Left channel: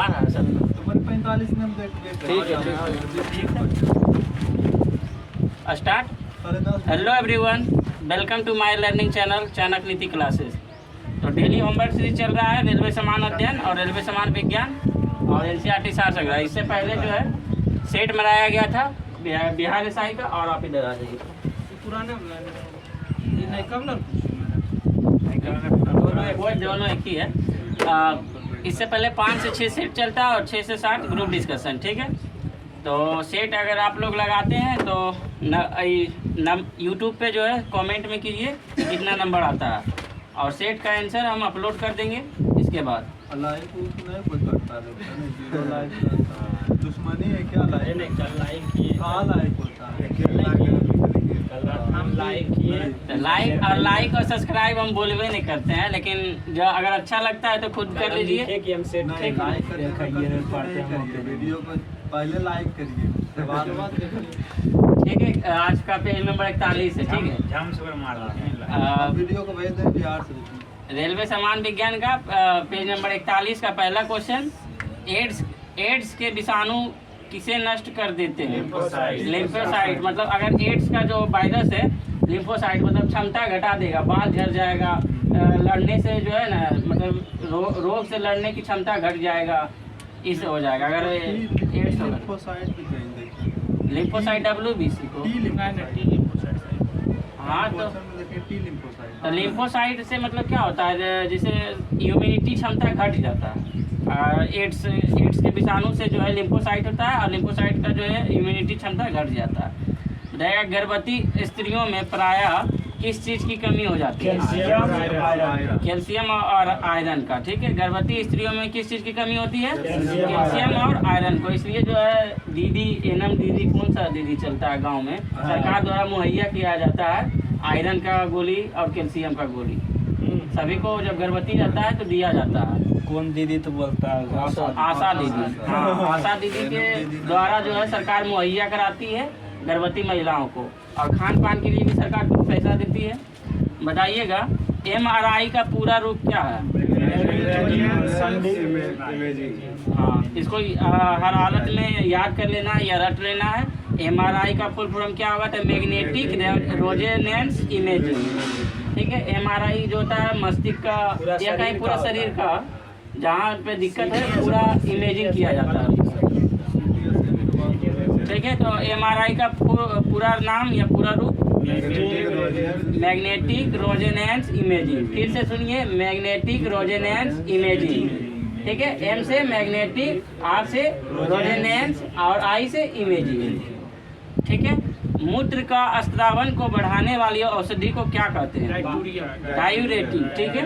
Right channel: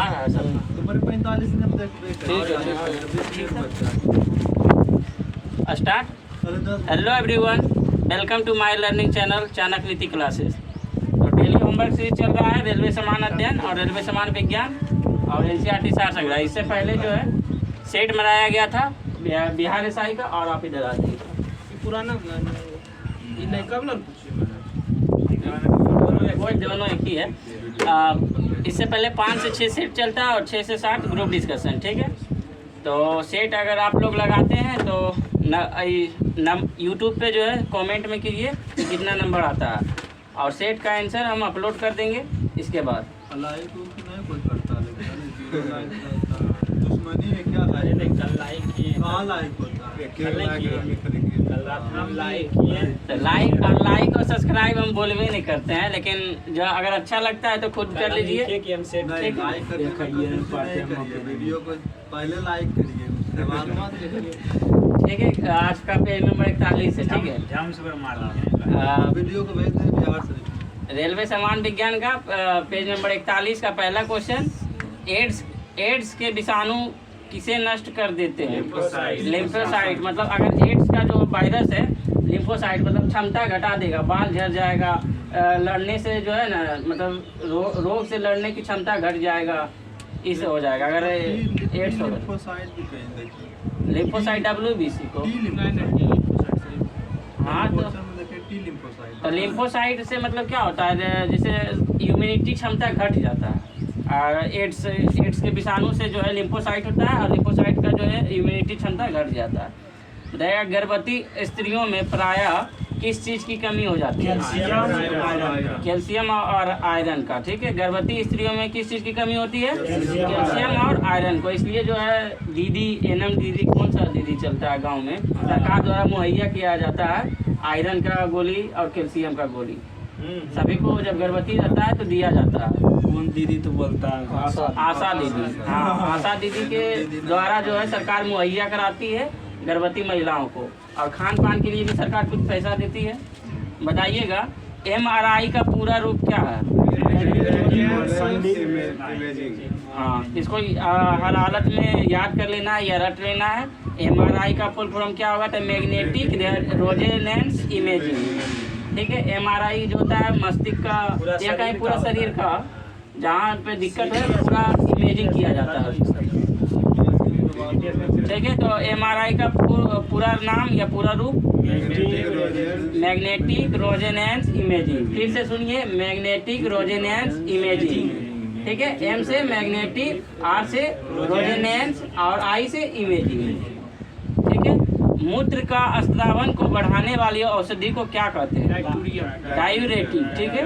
आ रहा है सब। तुम्हारे 45 ने ठीक है। Start. Hello everyone, welcome to my learning channel Chanakya Niti classes. तो डेली होमवर्क सीरीज चल रहा है रेलवे समान अध्ययन और रेलवे समान विज्ञान और एनसीईआरटी सार संग्रह। इससे पहले जो है सेट बनाया गया था बिहार एसआई का, और आप इधर आ जाइए। पुराना ये नहीं कब ना दोनों एक ही है। इससे पहले 5 से 6 सेट चलता है और 6 से 7 ग्रुप डिस्कशन, ठीक है। तो सेट अगर आप लोग लगाते हैं तो यूट्यूब पे जो है कमेंट में कीजिए कितना नंबर आता है, और सेट का आंसर हम अपलोड कर देंगे इसके बाद। लाइक नहीं कोई करता दुश्मनी है क्या? लाइक कल लाइक किए, हाँ लाइक होता है, कल रात हम लाइक किए। लाइक और सब्सक्राइब हम बोलवे नहीं करते हैं, लेकिन जो अगर अच्छा लगता है तो खुद कर लीजिए। कि हम सेट नहीं लाइक करने करिए, वीडियो को पहले लाइक करिए, उसके बाद ठीक है। आज का पेज नंबर 41 है, ठीक है। वीडियो को भेज दें बिहार से। रेलवे समान विज्ञान का पेज नंबर 41 का पहला क्वेश्चन, एड्स के विषाणु किसे नष्ट कर देते हैं? लिम्फोसाइट। मतलब अगर एड्स का जो वायरस है, लिम्फोसाइट मतलब क्षमता घटा देगा, बाल झड़ जाएगा, लड़ने से जो है ना, मतलब रोग से लड़ने की क्षमता घट जाएगा, इससे हो जाएगा अगर एड्स होगा। लिम्फोसाइट WBC को, हाँ। तो लिम्फोसाइट से मतलब क्या होता है, जैसे इम्यूनिटी क्षमता घट जाता है। और एड्स के विषाणु से जो है लिम्फोसाइट होता है, और लिम्फोसाइट का जो है इम्यूनिटी क्षमता घट जाता है। बताइएगा गर्भवती स्त्रियों में प्रायः किस चीज़ की कमी हो जाती है? कैल्शियम और आयरन का, ठीक है। गर्भवती स्त्रियों में किस चीज़ की कमी होती है? कैल्शियम और आयरन को। इसलिए जो है दीदी, एनएम दीदी, कौन सा दीदी चलता है गांव में, सरकार द्वारा मुहैया किया जाता है आयरन का गोली और कैल्शियम का गोली। सभी को जब गर्भवती जाता है तो दिया जाता है। कौन दीदी तो बोलता है आशा दीदी। हाँ, आशा दीदी के द्वारा जो है सरकार मुहैया कराती है गर्भवती महिलाओं को, और खान पान के लिए भी सरकार कुछ पैसा देती है। बताइएगा MRI का पूरा रूप क्या है? हाँ, इसको हर हालत में याद कर लेना है या रट लेना है। MRI का फुल फॉर्म क्या होगा? तो मैग्नेटिक रेजोनेंस इमेजिंग, ठीक है। MRI जो होता है मस्तिष्क का या कहीं पूरा शरीर का जहाँ पे दिक्कत है पूरा इमेजिंग किया जाता है, ठीक है। तो MRI का पूरा नाम या पूरा रूप मैग्नेटिक रेजोनेंस इमेजिंग। फिर से सुनिए, मैग्नेटिक रेजोनेंस इमेजिंग, ठीक है। M से मैग्नेटिक, R से रेजोनेंस और I से इमेजिंग, ठीक है। मूत्र का स्त्रावन को बढ़ाने वाली औषधि को क्या कहते हैं? डायूरेटिक, ठीक है।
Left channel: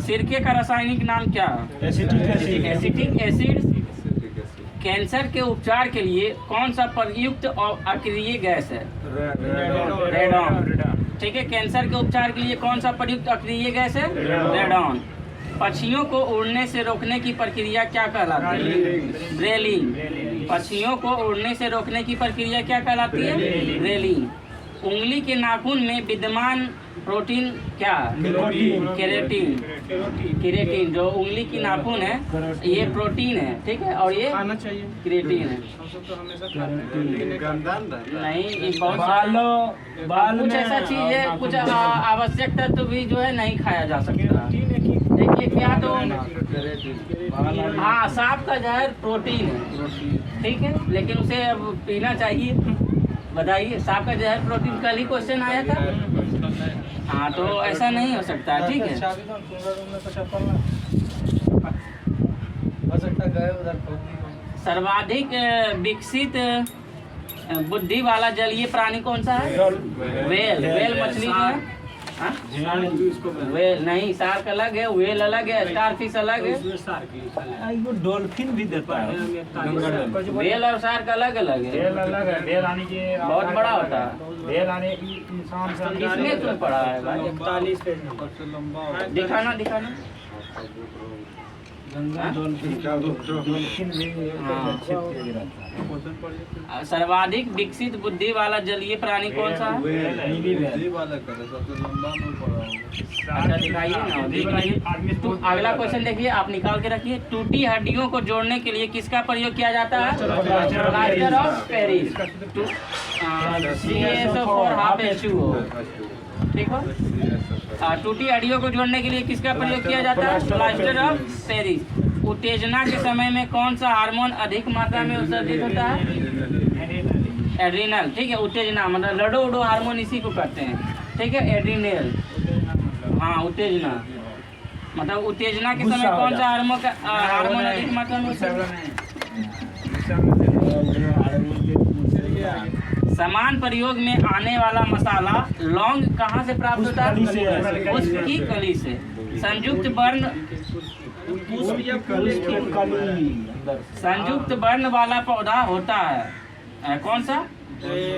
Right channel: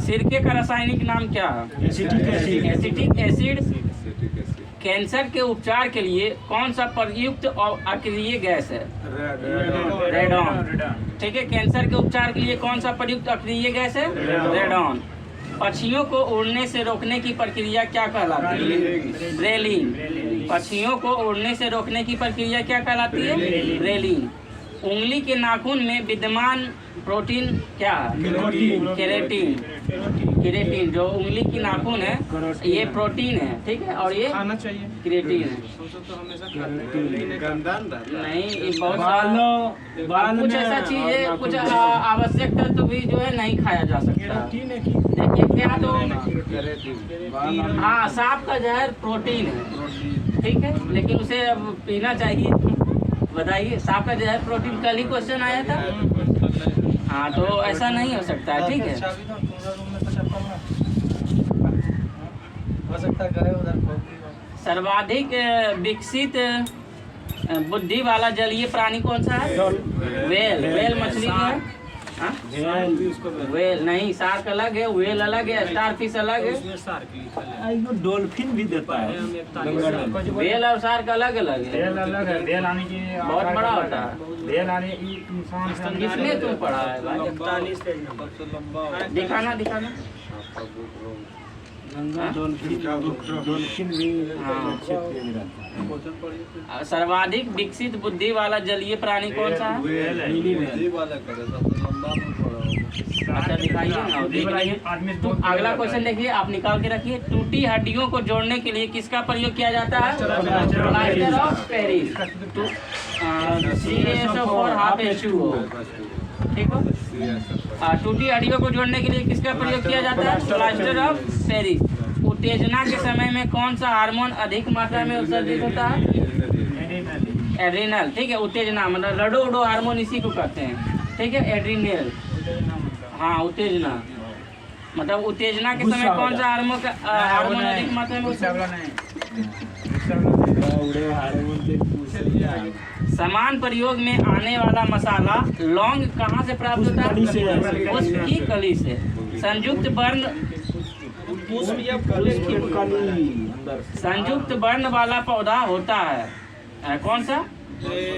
सिरके का रासायनिक नाम क्या है? Acetic acid. कैंसर के उपचार के लिए कौन सा प्रयुक्त और अक्रिय गैस है? रेडॉन, ठीक है। कैंसर के उपचार के लिए कौन सा प्रयुक्त अक्रिय गैस है? रेडॉन। पक्षियों को उड़ने से रोकने की प्रक्रिया क्या कहलाती है? ब्रेलिंग। पक्षियों को उड़ने से रोकने की प्रक्रिया क्या कहलाती है? ब्रेलिंग। उंगली के नाखून में विद्यमान प्रोटीन क्या है? केराटिन। केराटिन जो उंगली की नाखून है ये प्रोटीन है, ठीक है, और ये खाना चाहिए, केराटिन है। हम सब तो हमेशा खाते हैं। नहीं, ये बहुत कुछ ऐसा चीज है, कुछ आवश्यक तत्व भी जो है नहीं खाया जा सकता। देखिए क्या, तो हाँ, सांप का जहर प्रोटीन है, ठीक है, लेकिन उसे अब पीना चाहिए। बताइए, सांप का जहर प्रोटीन, कल ही क्वेश्चन आया था। हाँ, तो ऐसा नहीं हो सकता है, ठीक है। सर्वाधिक विकसित बुद्धि वाला जलीय प्राणी कौन सा है? वेल। वेल मछली जो है, वेल नहीं, शार्क अलग है, वेल अलग है, स्टार फिश अलग है, डॉल्फिन भी देता है। वेल और शार्क अलग अलग है। वेल आने की बहुत बड़ा होता है। वेल आने इंसान किसमें तुम पढ़ा है भाई? 41 पेज नंबर दिखाना सर्वाधिक विकसित बुद्धि वाला जलीय प्राणी कौन सा है? बुद्धि वाला करे सबसे लंबा मुंह पड़ा होगा। अच्छा दिखाइए ना, देख लीजिए। तो अगला क्वेश्चन देखिए, आप निकाल के रखिए। टूटी हड्डियों को जोड़ने के लिए किसका प्रयोग किया जाता है? Plaster of Paris. CaSO4 ठीक हो। टूटी हड्डियों को जोड़ने के लिए किसका प्रयोग किया जाता है? Plaster of Paris. उत्तेजना के समय में कौन सा हार्मोन अधिक मात्रा में उत्सर्जित होता है? एड्रिनल। ठीक है, उत्तेजना मतलब लडो उडो हार्मोन इसी को कहते हैं। ठीक है, एड्रिनल। हाँ, उत्तेजना मतलब उत्तेजना के समय कौन सा हार्मोन अधिक मात्रा में समान प्रयोग में आने वाला मसाला लौंग कहाँ से प्राप्त होता है? उसकी कली से। संयुक्त वर्ण वाला पौधा होता है कौन सा?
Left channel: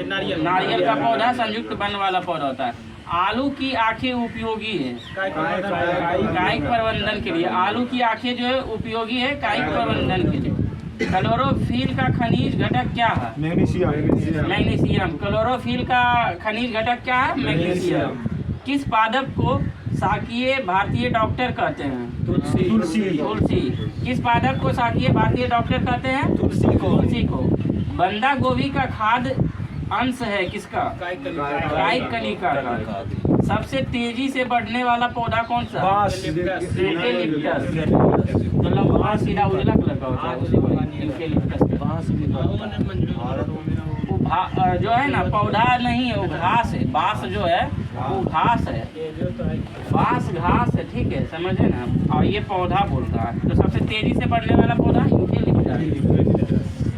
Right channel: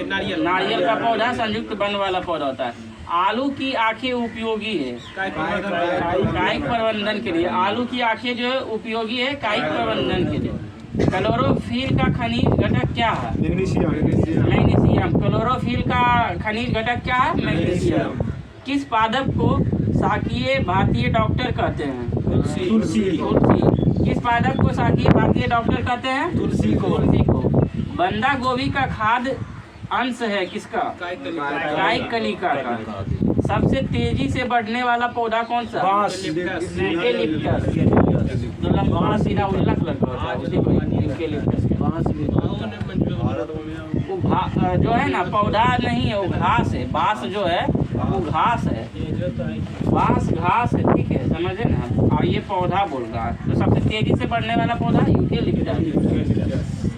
नारियल का पौधा संयुक्त वर्ण वाला पौधा होता है। आलू की आंखें उपयोगी है कायिक प्रबंधन के लिए। आलू की आंखें जो है उपयोगी है कायिक प्रबंधन के लिए। क्लोरोफिल का खनिज घटक क्या है? मैग्नीशियम। क्लोरोफिल का खनिज घटक क्या है? मैग्नीशियम। किस पादप को शाकीय भारतीय डॉक्टर कहते हैं? तुलसी। किस पादप को शाकीय भारतीय डॉक्टर कहते हैं? तुलसी को। बंदा गोभी का खाद्य अंश है किसका? कायिक कलिका का। सबसे तेजी से बढ़ने वाला पौधा कौन सा? यूकेलिप्टस। जो लंबा सीधा उजला कलर का होता है उसी को यूकेलिप्टस। जो है ना पौधा नहीं है, वो घास है। बांस जो है वो घास है, बांस घास है। ठीक है, समझे ना। और ये पौधा बोल रहा है। तो सबसे तेजी से बढ़ने वाला पौधा यूकेलिप्टस।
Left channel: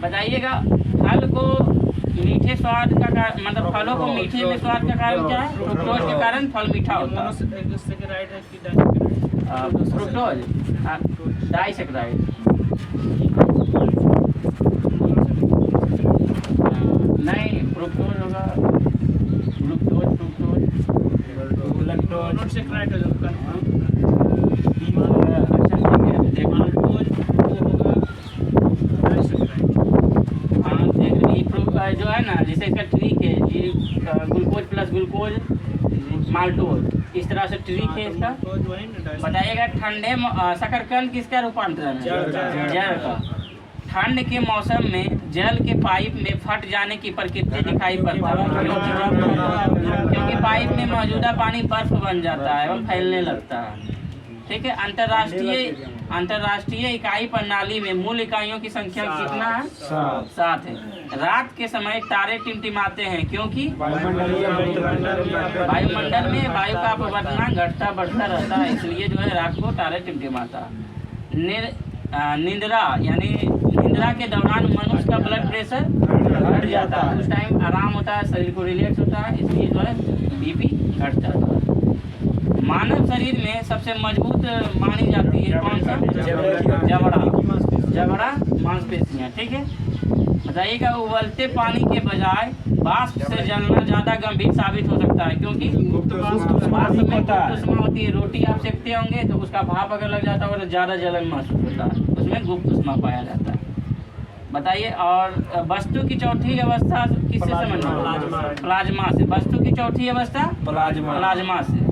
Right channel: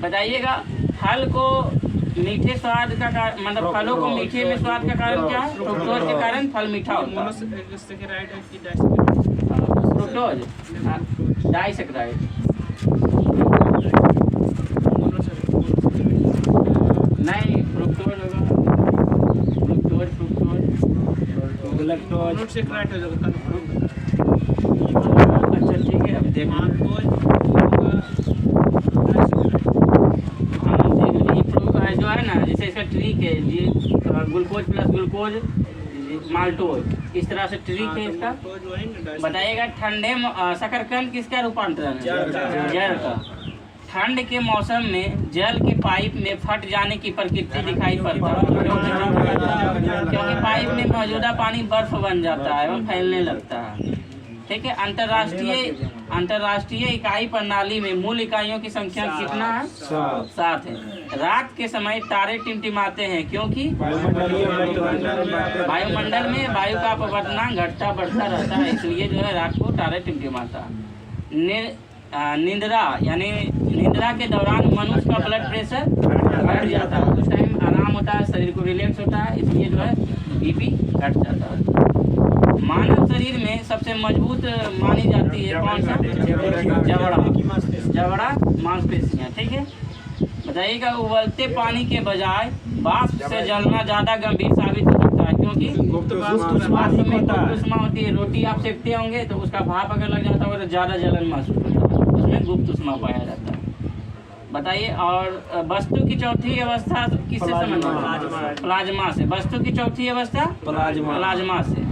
बताइएगा, फल को मीठे स्वाद का मतलब फलों को मीठे में स्वाद का कारण क्या है? फ्रुक्टोज के कारण फल मीठा होता है। Fructose disaccharide. नहीं, फ्रुक्टोज होगा। जो है ना, जैसे इसका ट्रिक है ग्लूकोज प्लस ग्लूकोज माल्टोज, इस तरह से ट्रिक है इसका। बताइएगा, ठंडे शकरकंद किसका रूपांतरण है? जल का। ठंड के मौसम में जल के पाइप में फट जाने की प्रकृति दिखाई पड़ता है क्योंकि पाइप में मौजूदा पानी बर्फ बन जाता है एवं फैलने लगता है। ठीक है, अंतर्राष्ट्रीय इकाई प्रणाली में मूल इकाइयों की संख्या कितना है? 7 है। रात के समय तारे टिमटिमाते हैं क्योंकि वायुमंडल में वायु का अपवर्तनांक घटता बढ़ता रहता है, इसलिए जो है रात को तारे टिमटिमाता है। निंद्रा यानी निंद्रा के दौरान मनुष्य का ब्लड प्रेशर घट जाता है। उस टाइम आराम होता है, शरीर को रिलैक्स होता है, इसलिए जो है बीपी घट जाता है। मानव शरीर में सबसे मजबूत मानी जाती है कौन सा? जबड़ा मांसपेशियां। ठीक है, बताइएगा, उबलते पानी के बजाय वाष्प से जलना ज्यादा गंभीर साबित हो सकता है क्योंकि वाष्प में गुप्त उष्मा होती है। रोटी आप सेकते होंगे तो उसका भाप अगर लग जाता होगा तो ज्यादा जलन महसूस होता है, उसमें गुप्त उष्मा पाया जाता है। बताइए, और वस्तु की चौथी अवस्था किससे संबंधित है? प्लाज्मा से। वस्तु की चौथी अवस्था प्लाज्मा से।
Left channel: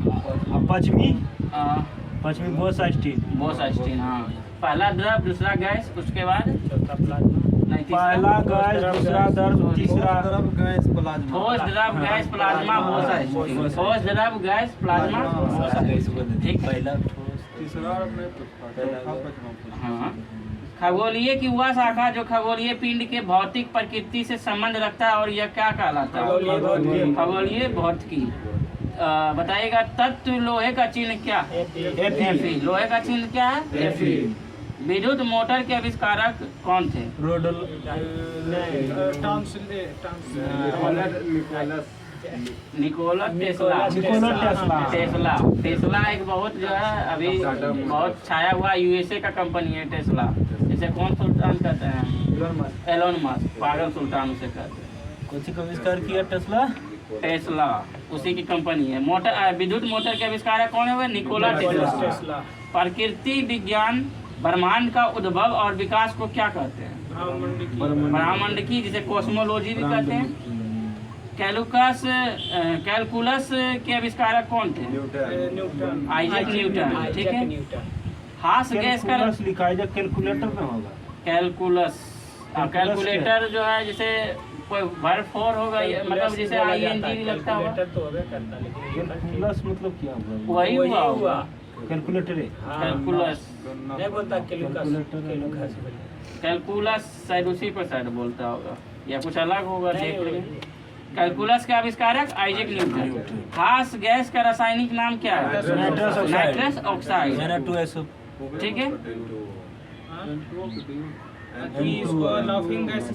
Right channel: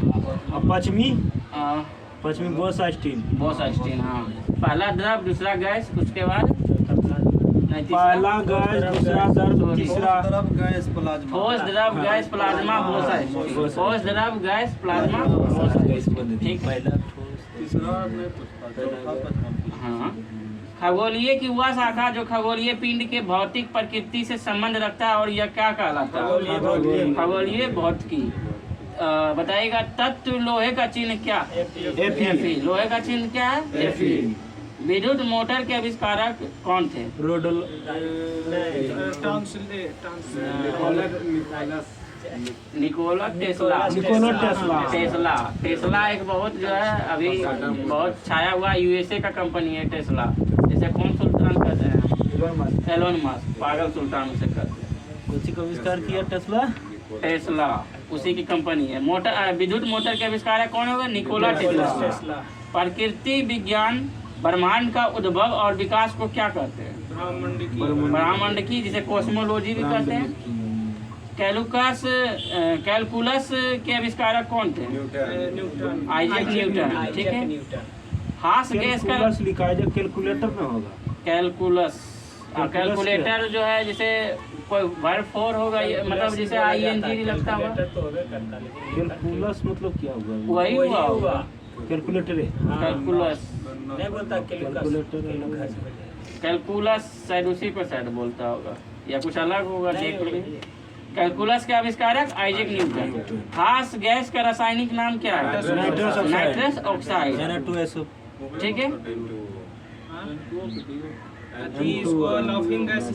पश्चिमी बोसास्टीन। हाँ, पहला द्रव, दूसरा गैस, उसके बाद पहला गैस, दूसरा द्रव, तीसरा गैस प्लाज्मा। ठोस द्रव गैस प्लाज्मा बोसास्टीन। ठोस द्रव गैस प्लाज्मा बोसास्टीन। ठीक, तीसरा नहीं पूछता। हाँ। खगोलीय की वह शाखा जो खगोलीय पिंड के भौतिक प्रकृति से संबंध रखता है और यह क्या कहलाता है? खगोलीय भौतिकी। बताइएगा, तत्व लोहे का चिन्ह क्या? Fe। लोहे का चिन्ह क्या है? Fe। विद्युत मोटर के आविष्कारक कौन थे? Nikola Tesla. टेस्ला एक बहुत जो है अभी बहुत छाया हुआ यूएसए का कंपनी है टेस्ला। जैसे कौन सुल्तान कहते हैं? एलोन मस्क, पागल सुल्तान उसे कहते हैं। कौन सी आविष्कार किया टेस्ला उसी की कंपनी है। मोटर विद्युत मोटर के आविष्कारक कौन होगा? Nikola Tesla. प्रकृति विज्ञान ब्रह्मांड का उद्भव और विकास को क्या कहते हैं? ब्रह्मांड की, जिसे कॉस्मोलॉजी भी कहते हैं। कैलकुलस के आविष्कारक कौन थे? Isaac Newton. ठीक है। हास गैस का लिखा है, कैलकुलेटर में होगा। कैलकुलस, कैलकुलेटर जो है जैसे कोई वर्ब फोर होगा, मतलब जैसे ING लगता होगा। कैलकुलस मतलब क्या हुआ? वही हुआ कैलकुलेटर है। कैलकुलस, कैलकुलेटर कैलकुलस शायद उसी पर शायद बोलता होगा, या कुछ अलग होगा, देख लेंगे। कैलकुलस के आविष्कारक आइजैक न्यूटन। हास गैस का रासायनिक नाम क्या है? Nitrous oxide. ठीक है।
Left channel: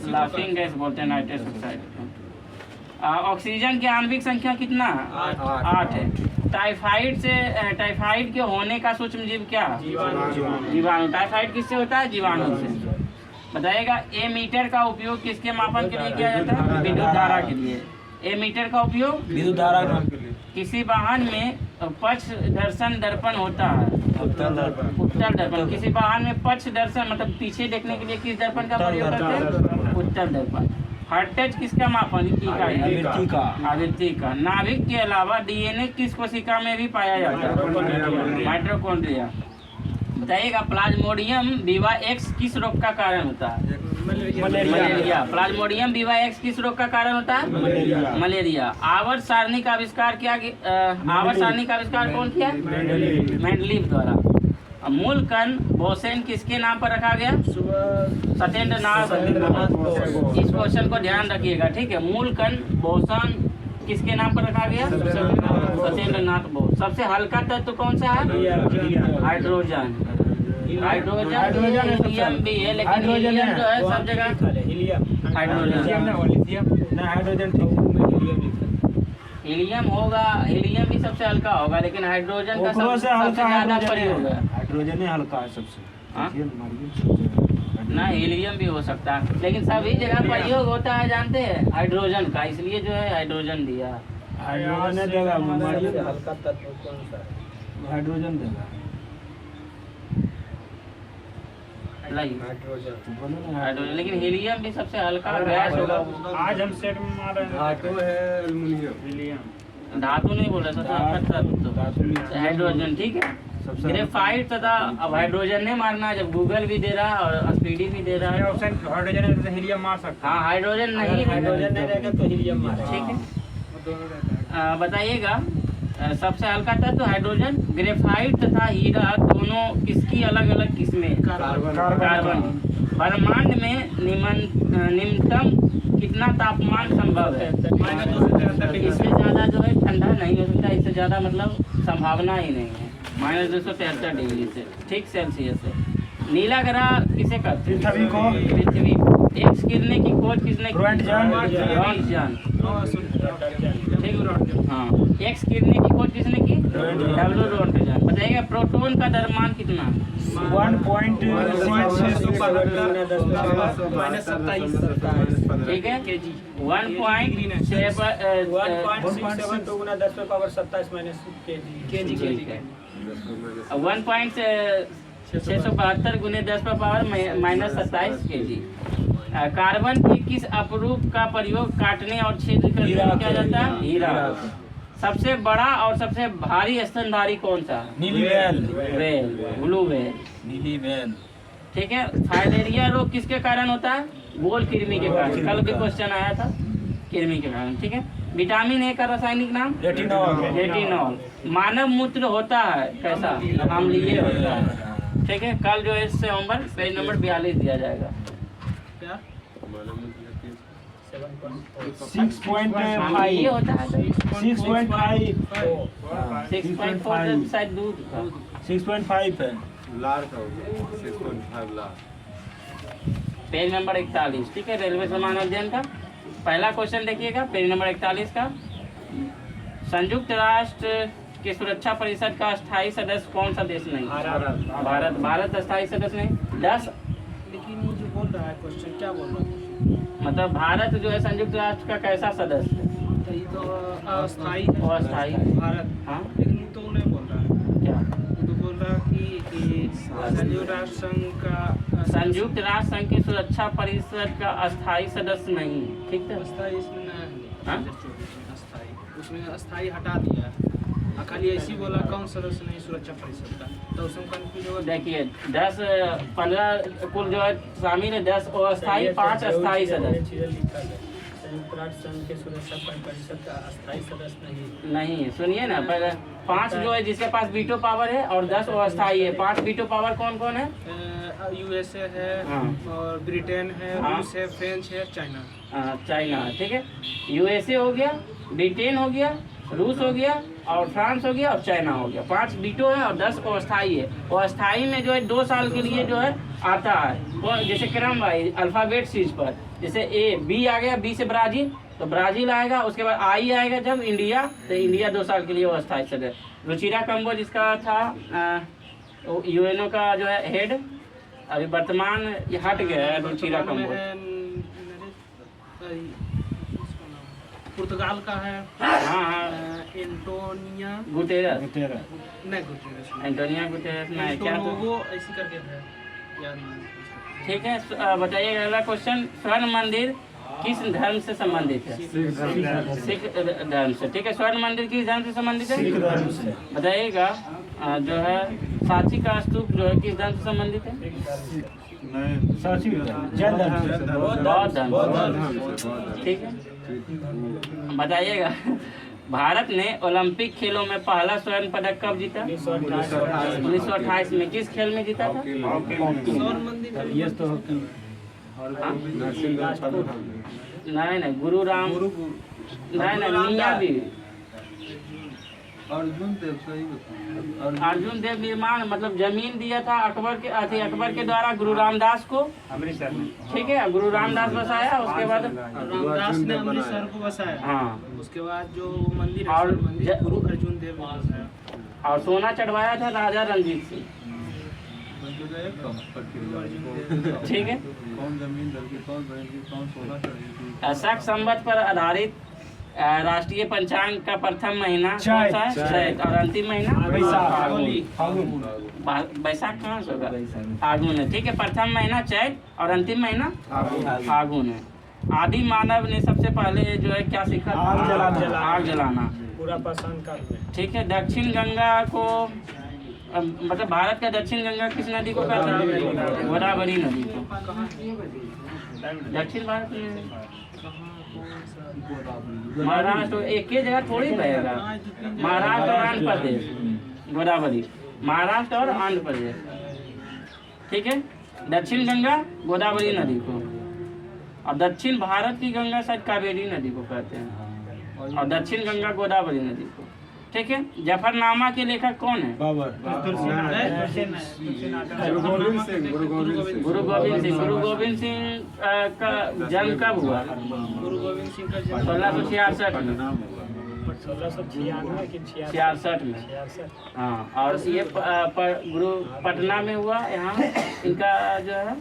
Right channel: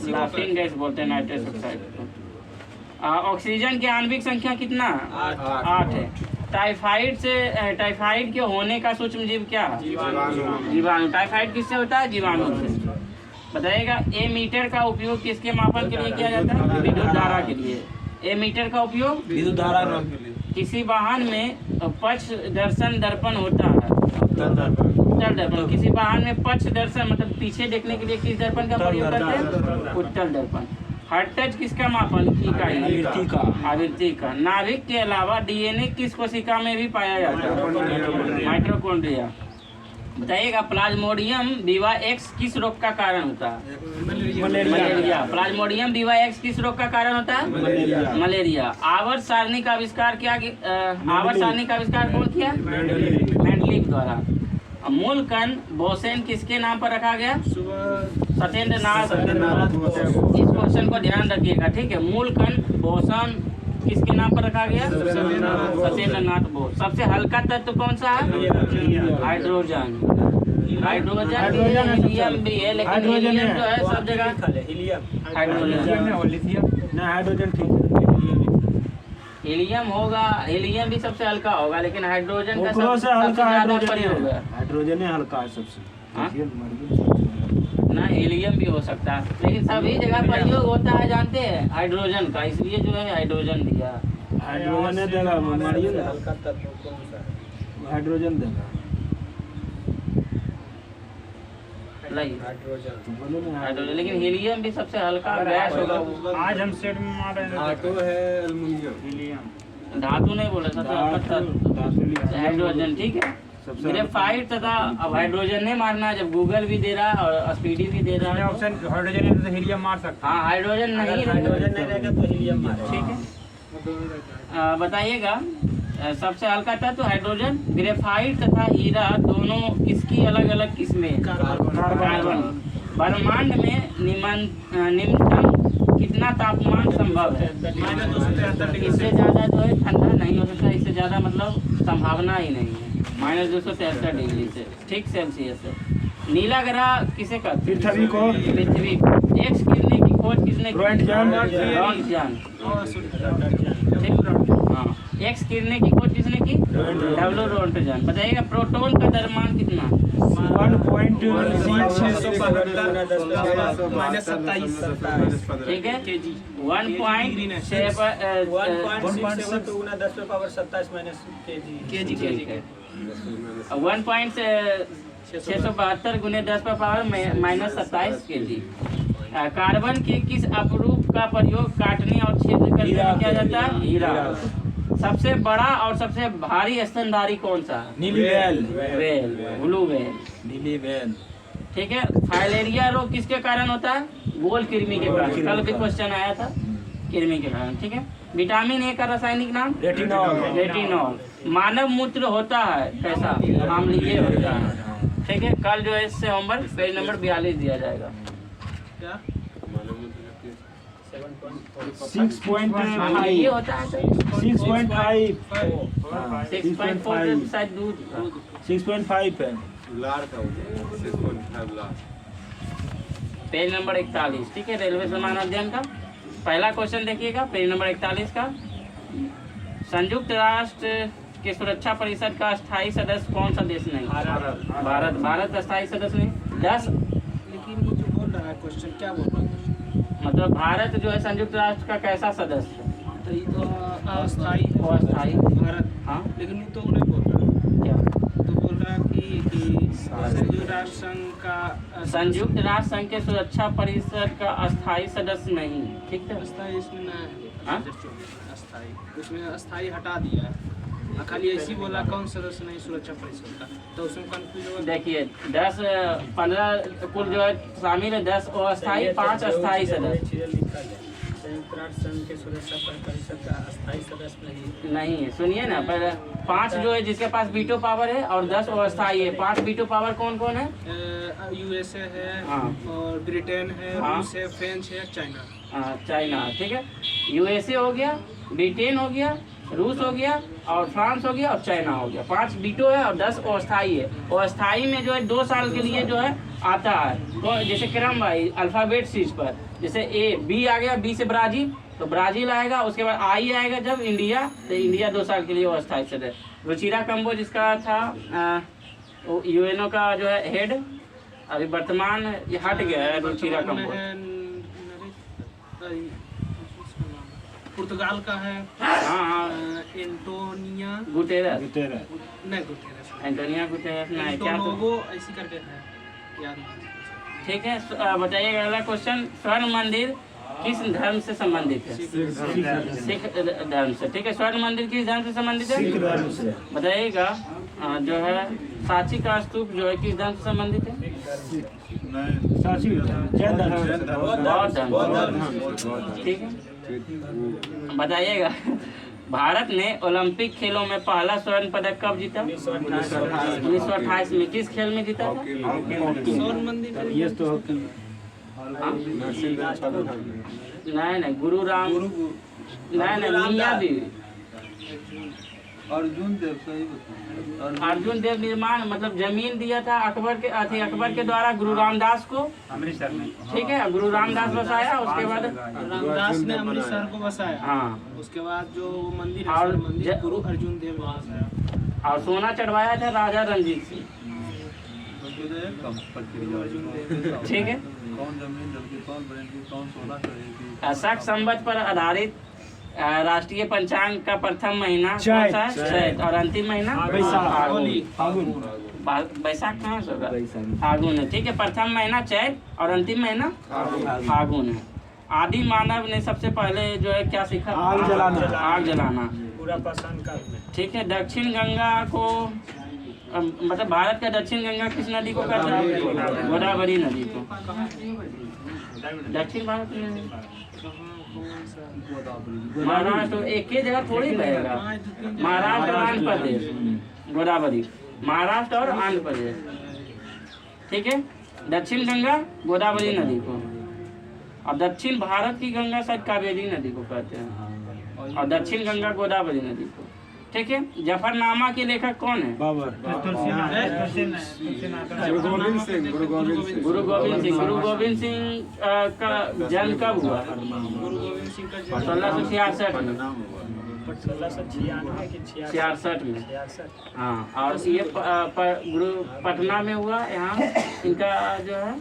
लाफिंग गैस बोलते हैं नाइट्रस ऑक्साइड। ऑक्सीजन की आणविक संख्या कितना? 8 है। टाइफाइड के होने का सूक्ष्म जीव क्या? जीवाणु। टाइफाइड किससे होता है? जीवाणु से। बताइएगा। ए मीटर का उपयोग किसके मापन के लिए किया जाता है? विद्युत धारा के लिए। ए मीटर का उपयोग विद्युत धारा। किसी वाहन में पक्ष दर्शन दर्पण होता है। उत्तल दर्पण। किसी वाहन में पक्ष दर्शन मतलब पीछे देखने के लिए किस दर्पण का प्रयोग करते हैं? उत्तल दर्पण। हर्ट्ज किसका मापन इकाई? आवृत्ति का। नाभिक के अलावा DNA किस कोशिका में भी पाया जाता है? माइटोकॉन्ड्रिया। बताइएगा। प्लाज्मोडियम विवाएक्स किस रोग का कारण होता है? मलेरिया। प्लाज्मोडियम विवाएक्स किस रोग का कारण होता है? मलेरिया। आवर्त सारणी का आविष्कार क्या? आवर्त सारणी का आविष्कार कौन किया? मेंडलीव द्वारा। मूल कण बोसेन किसके नाम पर रखा गया? सत्येंद्रनाथ। इस क्वेश्चन को ध्यान रखिएगा, ठीक है। मूल कण बोसन किसके नाम पर रखा गया? सत्येंद्रनाथ बोस। सबसे हल्का तत्व कौन सा है? हाइड्रोजन। हीलियम भी है, लेकिन हीलियम जो है सब जगह हाइड्रोजन। हीलियम होगा, हीलियम भी सबसे हल्का होगा, लेकिन हाइड्रोजन का सबसे ज्यादा प्रयोग है। हाइड्रोजन हल्का है सबसे। ना हीलियम भी हो सकता है, लेकिन सभी जगह प्रयोग होता है, जानते हैं, हाइड्रोजन का। इसलिए जो है हाइड्रोजन दिया। हाइड्रोजन देगा, हल्का तत्व कौन सा? हाइड्रोजन देगा। हाइड्रोजन, लेकिन हीलियम भी सबसे हल्का गैस होगा। आज हम सेट में मार रहे हैं। धातु है एल्युमिनियम। धातु नहीं बोल रहे, सबसे हल्का तत्व हाइड्रोजन। ठीक है। ग्रेफाइट तथा अब हाइड्रोजन नहीं मारना, जब गूगल भी दे रहा है और स्पीडी भी दे रहा है। ऑप्शन हाइड्रोजन है तो हीलियम मार सकते हैं। हाँ, हाइड्रोजन नहीं रहेगा तो हीलियम मारेगा। ठीक है। बताइएगा। सबसे हल्का तत्व हाइड्रोजन। ग्रेफाइट तथा हीरा दोनों किसकी अलग अलग किस्में? कार्बन। ब्रह्मांड में निम्नतम कितना तापमान संभव है? -273 डिग्री। इससे ज्यादा जो है ठंडा नहीं हो सकता, इससे ज्यादा मतलब संभावना ही नहीं है। -273 डिग्री से, ठीक, सेल्सियस से। नीला ग्रह किसे कहते हैं? पृथ्वी। एक्स गिरने की खोज किसने की? रॉन्टजन। हाँ, एक्स गिरने की खोज किसने की? W Röntgen. बताइएगा। प्रोटॉन का द्रव्यमान कितना? 1.627 ठीक है। 1.672 गुने 10 पर पावर -27 kg। कार्बन के किस अपरूप का प्रयोग काटने और छेद करने में किया जाता है? हीरा। सबसे बड़ा और सबसे भारी स्तनधारी कौन सा? नीली वेल। Blue whale. नीली वेल। ठीक है। फाइलेरिया रोग किसके कारण होता है? गोल कृमि के कारण। कल भी क्वेश्चन आया था, कृमि के कारण। ठीक है। विटामिन ए का रासायनिक नाम? रेटिनॉल। मानव मूत्र होता है कैसा? अम्लीय होता है। ठीक है। कल जो है इससे होमवर्क पेज नंबर 42 दिया जाएगा। 6.5 ये होता है 6.5 6.4 शायद दूध का। 6.5 है। लार का होता है 6.5 लार। Page number 41। ठीक है। रेलवे सामान अध्ययन का पहला क्वेश्चन देखिएगा, पेज नंबर 41 का। संयुक्त राष्ट्र के सुरक्षा परिषद का स्थायी सदस्य कौन सा देश नहीं? भारत स्थायी सदस्य नहीं। 10 लेकिन मुझे बोल रहा है क्वेश्चन, क्या बोल रहा है? मतलब भारत जो है संयुक्त राष्ट्र का कैसा सदस्य है? तो ये तो अस्थायी है। अस्थायी। भारत। हाँ, लेकिन तो नहीं बोल रहा है। क्या? तो बोल रहा है कि कि संयुक्त राष्ट्र संघ का संयुक्त राष्ट्र संघ के सुरक्षा परिषद का अस्थायी सदस्य नहीं, ठीक है। अस्थायी इसमें ना हाँ? है अस्थायी, उसमें अस्थायी हटा दिया है। खाली ऐसी बोला कौन सदस्य नहीं सुरक्षा परिषद का, तो उसमें कंफ्यूज होगा। देखिए 10-15 कुल जो है शामिल है, 10 अस्थायी 5 अस्थायी सदस्य संयुक्त राष्ट्र संघ के सुरक्षा परिषद का अस्थायी सदस्य नहीं है। सुनिए ना, पर 5 जो है जिसके पास वीटो पावर है और 10 अस्थायी है। 5 वीटो पावर कौन कौन है? यूएसए है, हाँ। और ब्रिटेन है, हाँ। रूस है, फ्रेंच है, चाइना। चाइना, ठीक है। यूएसए हो गया, ब्रिटेन हो गया, रूस हो गया और फ्रांस हो गया और चाइना हो गया। 5 वीटो है और 10 अस्थायी है। और अस्थायी में जो है 2 साल के लिए जो है आता है, तो जैसे क्रम वाइज अल्फ़ाबेट सीज पर, जैसे बी आ गया, बी से ब्राज़ील, तो ब्राज़ील आएगा, उसके बाद आई आएगा जब इंडिया, तो इंडिया 2 साल के लिए वो अस्थायी सदस्य। रुचिरा कंबोज जिसका था यूएनओ का जो है हेड, अभी वर्तमान ये हट गया है रुचिरा वर्तमान में कंबोज। है पुर्तगाल का है। हाँ हाँ, एंटोनिया गुटेरस, नहीं गुटेरेस नहीं। एंटोनिया गुटेरस ना है क्या? तो एंटोनोवो ऐसी करके है याद नहीं। ठीक है। बताइएगा अगला क्वेश्चन, स्वर्ण मंदिर किस धर्म से संबंधित है? सिख धर्म से, ठीक है। स्वर्ण मंदिर किस धर्म से संबंधित है? बताइएगा। जो है सांची का स्तूप जो है किस धर्म से संबंधित है? बौद्ध धर्म, ठीक है। बताइएगा भारत ने ओलंपिक खेलों में पहला स्वर्ण पदक कब जीता? 1928 में। किस खेल में जीता था? स्वर्ण मंदिर ये तो नहीं, गुरु राम, नहीं मियाँ भी, अर्जुन देव, सही बताया। अर्जुन देव निर्माण मतलब जमीन दिया था अकबर के द्वारा गुरु रामदास को अमृतसर में, ठीक है। गुरु रामदास बसाया, उसके बाद रामदास ने अमृतसर को बसाया। हाँ, उसके बाद जो मंदिर है और स्वर्ण मंदिर गुरु अर्जुन देव ने बसाया। और सोना चढ़वाया था राजा रणजीत सिंह, ठीक है। कौन जमीन दल की, कौन बैल की, कौन सोना चढ़ी थी। शक संवत पर आधारित राष्ट्रीय पंचांग का प्रथम महीना कौन सा है? चैत। और अंतिम महीना बैसाख कहाँ से होगा? फागुन है, ठीक है। प्रथम महीना चैत और अंतिम महीना फागुन है। आदि मानव ने सबसे पहले जो है क्या सीखा? आग जलाना, पूरा पाषाण काल में, ठीक है। दक्षिण गंगा को मतलब भारत का दक्षिण गंगा किस नदी को कहता है? गोदावरी नदी को। दक्षिण भारत में महाराष्ट्र एक ही जगह थोड़ी बहेगा। महाराष्ट्र और आंध्र प्रदेश, गोदावरी महाराष्ट्र और आंध्र प्रदेश, ठीक है। दक्षिण गंगा गोदावरी नदी को, और दक्षिण भारत की गंगा शायद कावेरी नदी को कहते हैं, और दक्षिण गंगा गोदावरी नदी को, ठीक है। जफरनामा के लेखक कौन है? गुरु गोविंद सिंह का जन्म कब हुआ? गुरु गोविंद सिंह का जन्म 1666 में, 1696 में। हाँ, और ये गुरु पटना में हुआ। यहाँ इनका जो है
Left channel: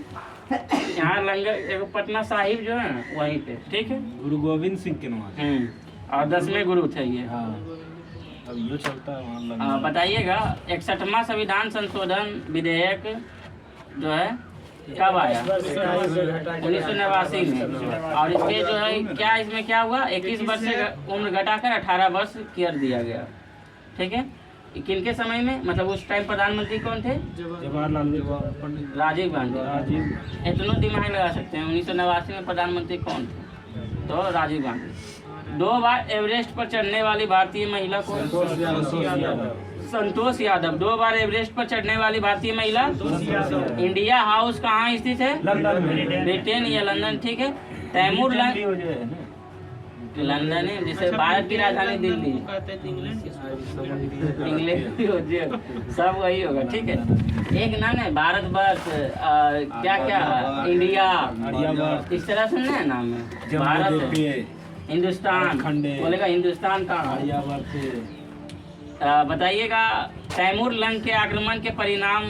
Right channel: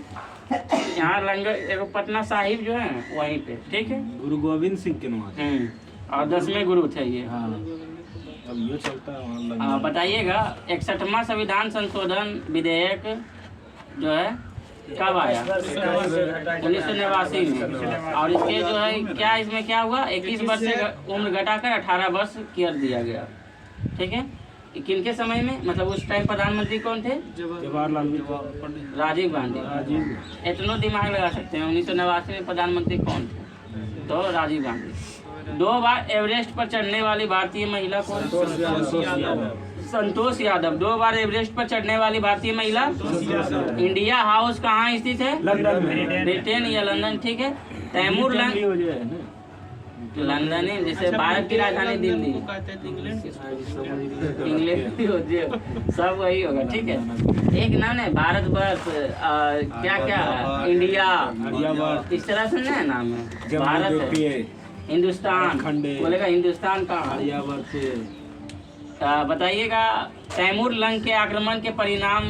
यहाँ लंगर एगो पटना साहिब जो है वहीं पे, ठीक है। गुरु गोविंद सिंह के नाम, और 10वें गुरु थे ये। अब जो चलता है वहाँ। बताइएगा 61वां संविधान संशोधन विधेयक जो है कब आया? 1989 में। और इसके जो है क्या इसमें क्या हुआ? 21 वर्ष से उम्र घटाकर 18 वर्ष कर दिया गया, ठीक है। किनके समय में, मतलब उस टाइम प्रधानमंत्री कौन थे? जवाहरलाल राजीव गांधी। इतना दिमाग लगा सकते हैं 1989 में प्रधानमंत्री कौन थे? तो राजीव गांधी। 2 बार एवरेस्ट पर चढ़ने वाली भारतीय महिला कौन? संतोष यादव। 2 बार एवरेस्ट पर चढ़ने वाली भारतीय महिला? इंडिया हाउस कहाँ स्थित है? ब्रिटेन या लंदन, ठीक है। तैमूर लंदन है, जैसे भारत की राजधानी दिल्ली, इंग्लैंड भी होती है, सब वही होगा, ठीक है। एक नाम है भारतवर्ष, क्या क्या इंडिया, इस तरह से नहीं नाम है। भारत, हिंदुस्तान बोलेगा, हिंदुस्तान का। बताइएगा तैमूर लंग के आक्रमण के परिणाम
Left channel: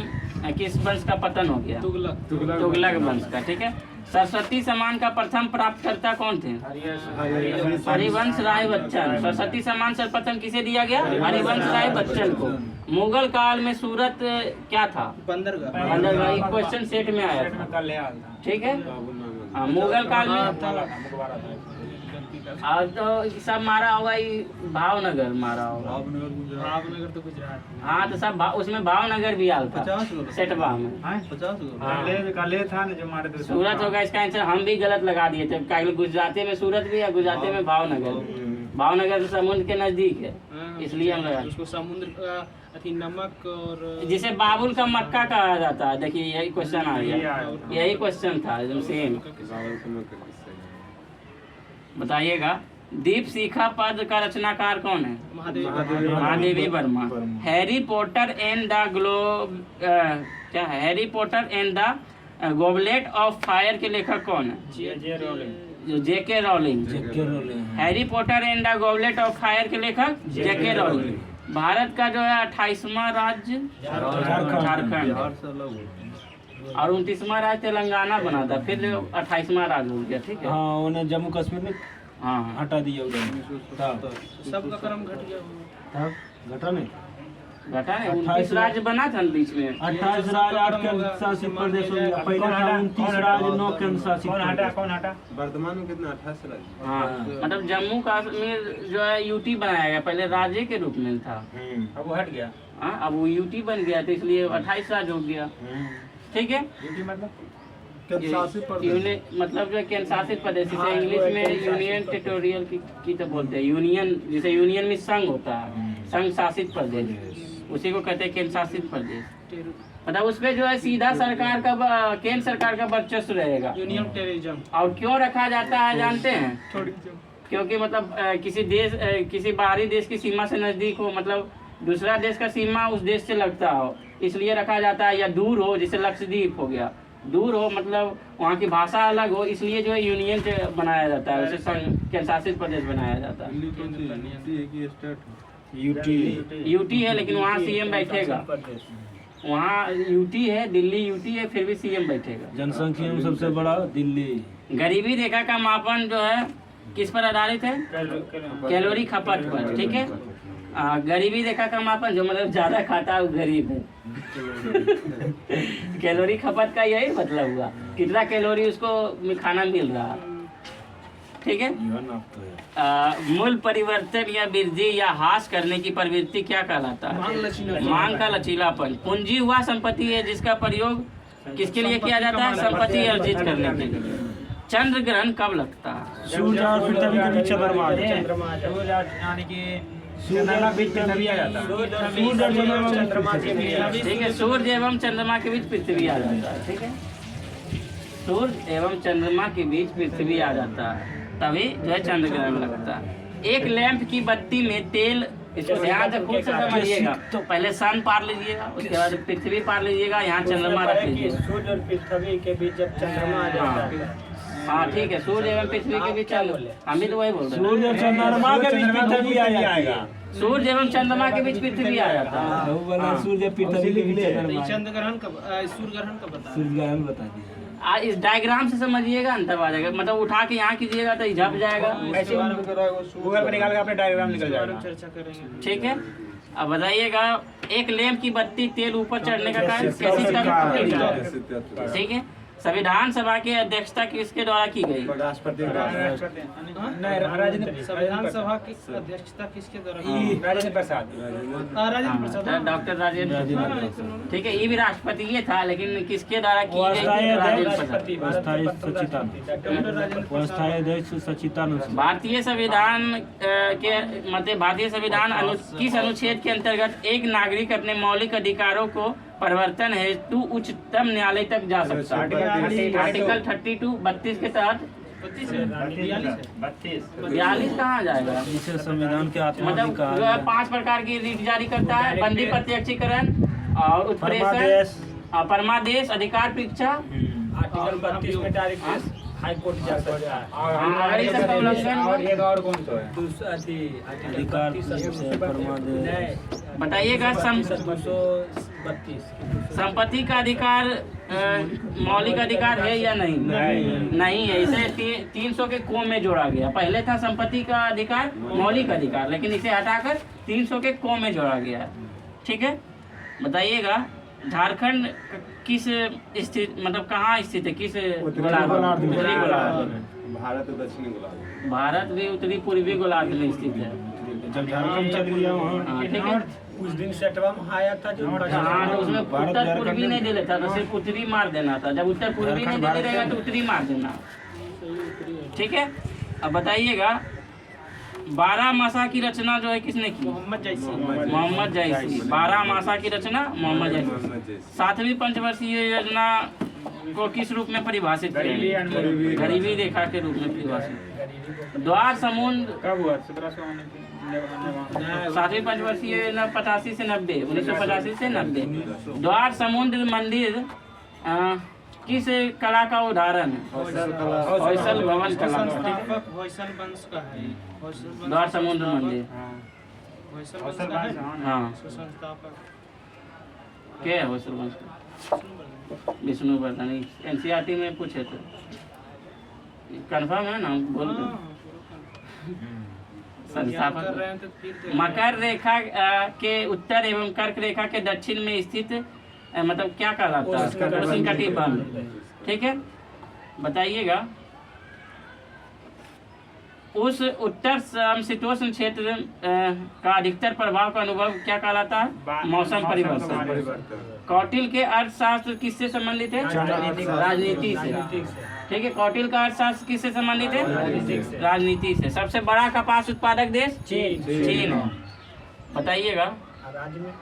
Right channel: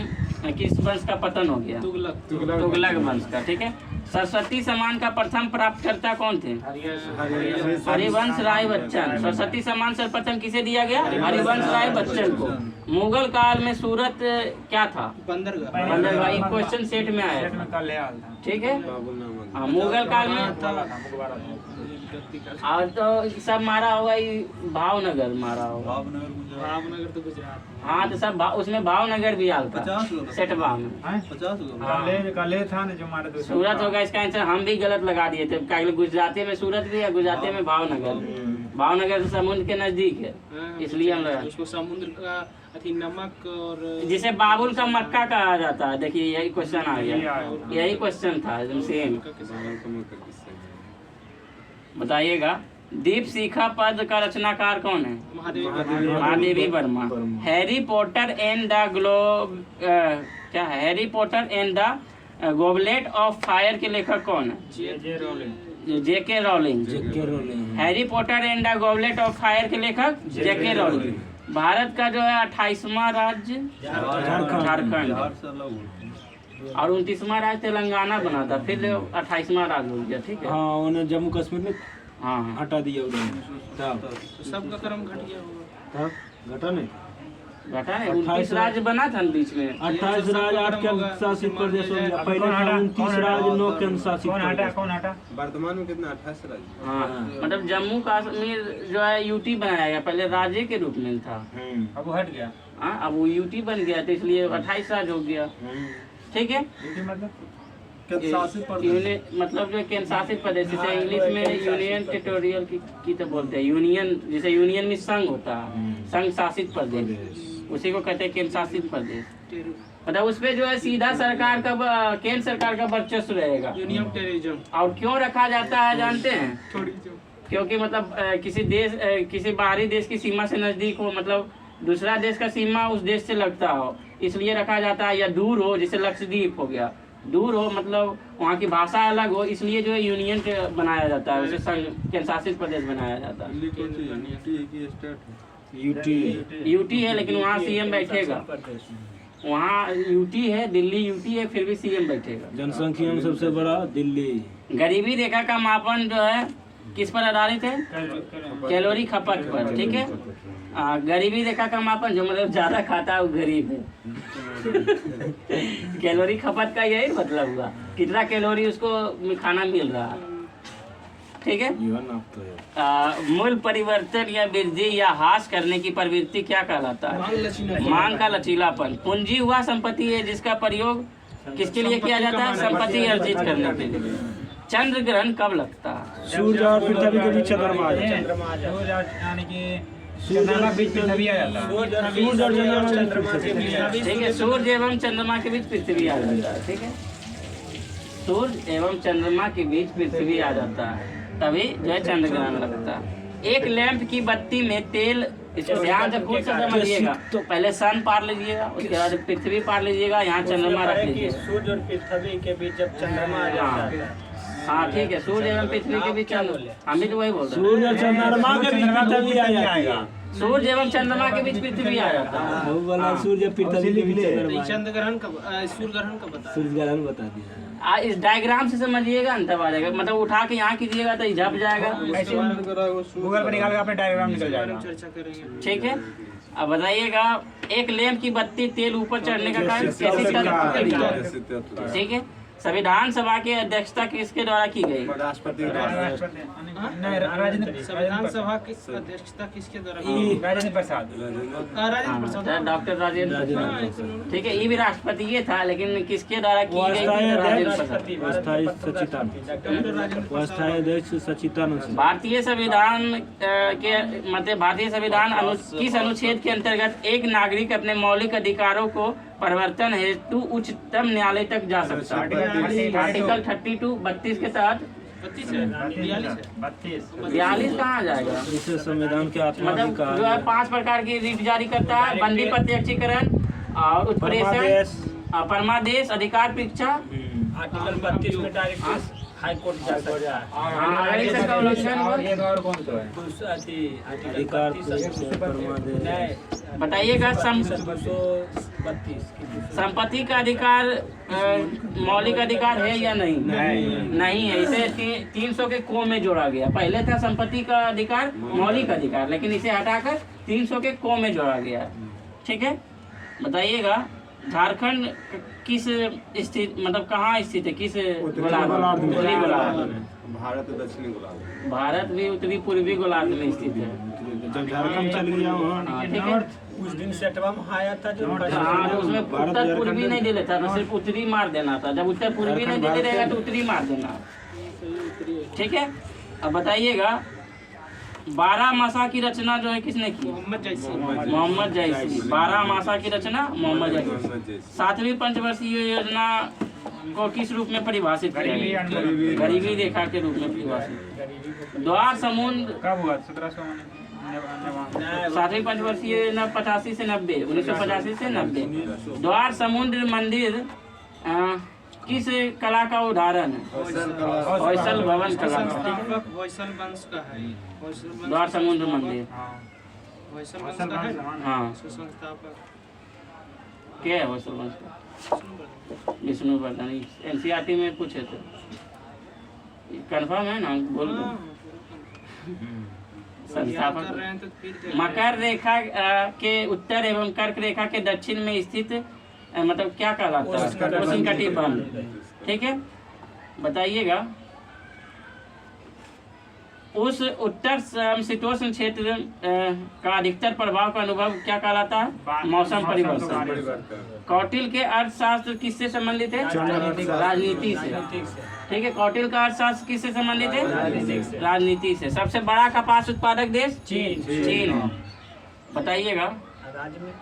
किस वंश का पतन हो गया? तुगलक। तुगलक वंश का। ठीक है। सरस्वती सम्मान का प्रथम प्राप्तकर्ता कौन थे? हरिवंश राय बच्चन। सरस्वती सम्मान सर्वप्रथम किसे दिया गया? हरिवंश राय बच्चन को। मुगल काल में सूरत क्या था? बंदरगाह। बंदरगाह क्वेश्चन सेट में आया था। ठीक है। हाँ, मुगल काल में आज तो सब मारा होगा, भावनगर मारा होगा। भावनगर तो गुजरात में। हाँ, तो सब उसमें भावनगर भी आल था 50 लोग। सेटवा में। 50 लोग। काले था ना जो मारे थे सूरत होगा इसका आंसर। हम भी गलत लगा दिए थे, क्या गुजराती में सूरत भी है, गुजराती में भावनगर। भावनगर तो समुद्र के नजदीक है, इसलिए हम लगा। उसको समुद्र का अथी नमक और जिसे बाबुल का मक्का कहा जाता है। देखिए यही क्वेश्चन आ गया, यही क्वेश्चन था एकदम सेम। बताइएगा, दीप शिखा पद का रचनाकार कौन है? Mahadevi Verma. Harry Potter and the globe क्या है? Harry Potter and the Goblet of Fire के लेखक कौन है? JK Rowling. Harry Potter and the Goblet of Fire के लेखक जेके रॉलिंग। भारत का जो है 28वां राज्य झारखंड और 29वां राज्य तेलंगाना बना था, फिर 28वां राज्य हो गया। ठीक है। हाँ, उन्हें जम्मू कश्मीर में हाँ हटा दिया उन्होंने। तो सबका क्रम घट गया होगा। घटा नहीं, घटा है। 29 राज्य बना था बीच में। 28 राज्य 8 केंद्र शासित प्रदेश हो गया। पहले था 29 राज्य 9 केंद्र शासित प्रदेश। कौन हटा? वर्तमान में कितना? 28 राज्य। हाँ, मतलब जम्मू कश्मीर जो है यूटी बनाया गया, पहले राज्य के रूप में था। अब वो हट गया। हाँ, अब वो यूटी बन गया तो इसलिए 28 राज्य हो गया। ठीक है। मतलब शासित प्रदेश मतलब जो केंद्र शासित प्रदेश, जैसे इंग्लिश में यूनियन टेरिटोरियल की तो बोलते हैं यूनियन, जैसे यूनियन में संघ होता है, संघ शासित प्रदेश, उसी को कहते हैं केंद्र शासित प्रदेश। मतलब उसपे जो है सीधा सरकार का केंद्र सरकार का वर्चस्व रहेगा। Union terrorism. और क्यों रखा जाता है जानते हैं? थोड़ी क्योंकि मतलब किसी देश किसी बाहरी देश की सीमा से नजदीक हो, मतलब दूसरा देश का सीमा उस देश से लगता हो, इसलिए रखा जाता है। या दूर हो, जैसे लक्षद्वीप हो गया, दूर हो मतलब वहाँ की भाषा अलग हो, इसलिए जो है यूनियन बनाया जाता है, उसे संघ केंद्र शासित प्रदेश बनाया जाता है। यूटी है लेकिन वहाँ सीएम बैठेगा। वहाँ यूटी है, दिल्ली यूटी है, फिर भी सीएम बैठेगा। जनसंख्या में सबसे बड़ा दिल्ली। गरीबी रेखा का मापन जो है किस पर आधारित है? कैलोरी खपत पर। ठीक है। गरीबी रेखा का मापन जो मतलब ज्यादा खाता है वो गरीब है। कैलोरी खपत का यही मतलब हुआ, कितना कैलोरी उसको खाना मिल रहा है। ठीक है। मूल परिवर्तन या वृद्धि या ह्रास करने की प्रवृत्ति क्या कहलाता है? मांग का लचीलापन। पूंजी हुआ संपत्ति है जिसका प्रयोग किसके लिए किया जाता है? संपत्ति अर्जित करने के लिए। चंद्र ग्रहण कब लगता है? सूर्य और पृथ्वी के बीच चंद्रमा आ जाता है। यानी कि चंद्रमा बीच में तभी आ जाता है। सूर्य और चंद्रमा के बीच। ठीक है। सूर्य एवं चंद्रमा के बीच पृथ्वी आ जाता है। ठीक है। सूर्य एवं चंद्रमा के बीच पृथ्वी आ जाता है, तभी जो है चंद्र ग्रहण लगता है। एक लैंप की बत्ती में तेल, इसको ध्यान से खुद से समझिएगा। तो पहले सन पार लीजिएगा, उसके बाद पृथ्वी पार लीजिएगा, यहाँ चंद्रमा रख लीजिए। सूर्य और पृथ्वी के बीच जब चंद्रमा आ जाता है। हाँ ठीक है। सूर्य एवं पृथ्वी के बीच हम भी तो वही बोल रहे हैं। सूर्य और चंद्रमा के बीच पृथ्वी आ जाएगा। सूर्य एवं चंद्रमा के बीच पृथ्वी आ जाता है। वो वाला सूर्य पृथ्वी के बीच चंद्रमा। चंद्र ग्रहण कब, सूर्य ग्रहण कब बता? सूर्य ग्रहण बता दिया। इस डायग्राम से समझिएगा, अंतर आ जाएगा। मतलब उठा के यहाँ कीजिएगा तो झप जाएगा। गूगल पर निकाल के अपने डायग्राम निकल जाएगा। चर्चा करेंगे। ठीक है। अब बताइएगा, एक लैंप की बत्ती तेल ऊपर चढ़ने का कारण कैसे कर? ठीक है। संविधान सभा की अध्यक्षता किसके द्वारा की गई? संविधान सभा की अध्यक्षता किसके द्वारा की गई? राजेंद्र प्रसाद। डॉक्टर राजेंद्र। ठीक है। ये भी राष्ट्रपति ये था, लेकिन किसके द्वारा की गई? अस्थायी अध्यक्ष सचिदानंद। भारतीय संविधान के मतलब भारतीय संविधान किस अनुच्छेद के अंतर्गत एक नागरिक अपने मौलिक अधिकारों को परिवर्तन हेतु उच्चतम न्यायालय तक जा सकता है? आर्टिकल 32 32 के तहत। 42 कहाँ जाएगा? जिसे संविधान के आत्मा मतलब जो है 5 प्रकार की रीट जारी करता है: बंदी प्रत्यक्षीकरण और उत्प्रेषण, परमादेश, अधिकार परीक्षा। आर्टिकल 32 में डायरेक्ट हाई कोर्ट जा सकता है। हाँ, अगर इसका उल्लंघन हो और ये तो और कौन सा है? दूसरा आर्टिकल अधिकार 32 से फरमा दे। बताइएगा। 232 संपत्ति का अधिकार मौलिक अधिकार है या नहीं? नहीं है। इसे 300 के को में जोड़ा गया। पहले था संपत्ति का अधिकार मौलिक अधिकार, लेकिन इसे हटाकर 300 के को में जोड़ा गया। ठीक है, बताइएगा झारखंड किस स्थित मतलब कहाँ स्थित है? किस गोलार्ध में? उत्तरी गोलार्ध में। भारत दक्षिणी गोलार्ध। भारत भी उत्तरी पूर्वी गोलार्ध में स्थित है। जब झारखंड चल गया वहाँ हाँ, ठीक है। कुछ दिन सेटवा में आया था जो हाँ, तो उसमें उत्तर पूर्वी नहीं दे लेता था, सिर्फ उत्तरी मार देना था। जब उत्तर पूर्वी नहीं देते रहेगा तो उत्तरी मार देना। ठीक है, अब बताइएगा 12 मासा की रचना जो है किसने की? मोहम्मद जैसी। मोहम्मद जैसी। 12 मासा की रचना मोहम्मद जैसी। 7वीं पंचवर्षीय योजना को किस रूप में परिभाषित किया गया? गरीबी रेखा के रूप में परिभाषित। द्वार समुद्र कब हुआ? 1700 7वीं पंचवर्षीय योजना 85 से 90, 1985 से 90। द्वार समुद्र मंदिर किस कला का उदाहरण है? होयसल भवन कला। संस्थापक होयसल वंश का है। होयसल वंश द्वार समुद्र मंदिर। होयसल वंश का है। हाँ, उसका संस्थापक क्या है होयसल वंश का? विष्णुवर्धन। एनसीईआरटी में पूछे थे, कंफर्म है ना? बोल दो। संस्थापक मकर रेखा के उत्तर एवं कर्क रेखा के दक्षिण में स्थित मतलब क्या कहलाता है? उष्णकटिबंध। ठीक है, बताइएगा उस उत्तर समशीतोष्ण क्षेत्र का अधिकतर प्रभाव का अनुभव क्या कहलाता है? मौसम परिवर्तन। कौटिल्य के अर्थशास्त्र किससे संबंधित है? राजनीति से। ठीक है, कौटिल्य का अर्थशास्त्र किससे संबंधित है? राजनीति से। सबसे बड़ा कपास उत्पादक देश चीन है। बताइएगा राज्य में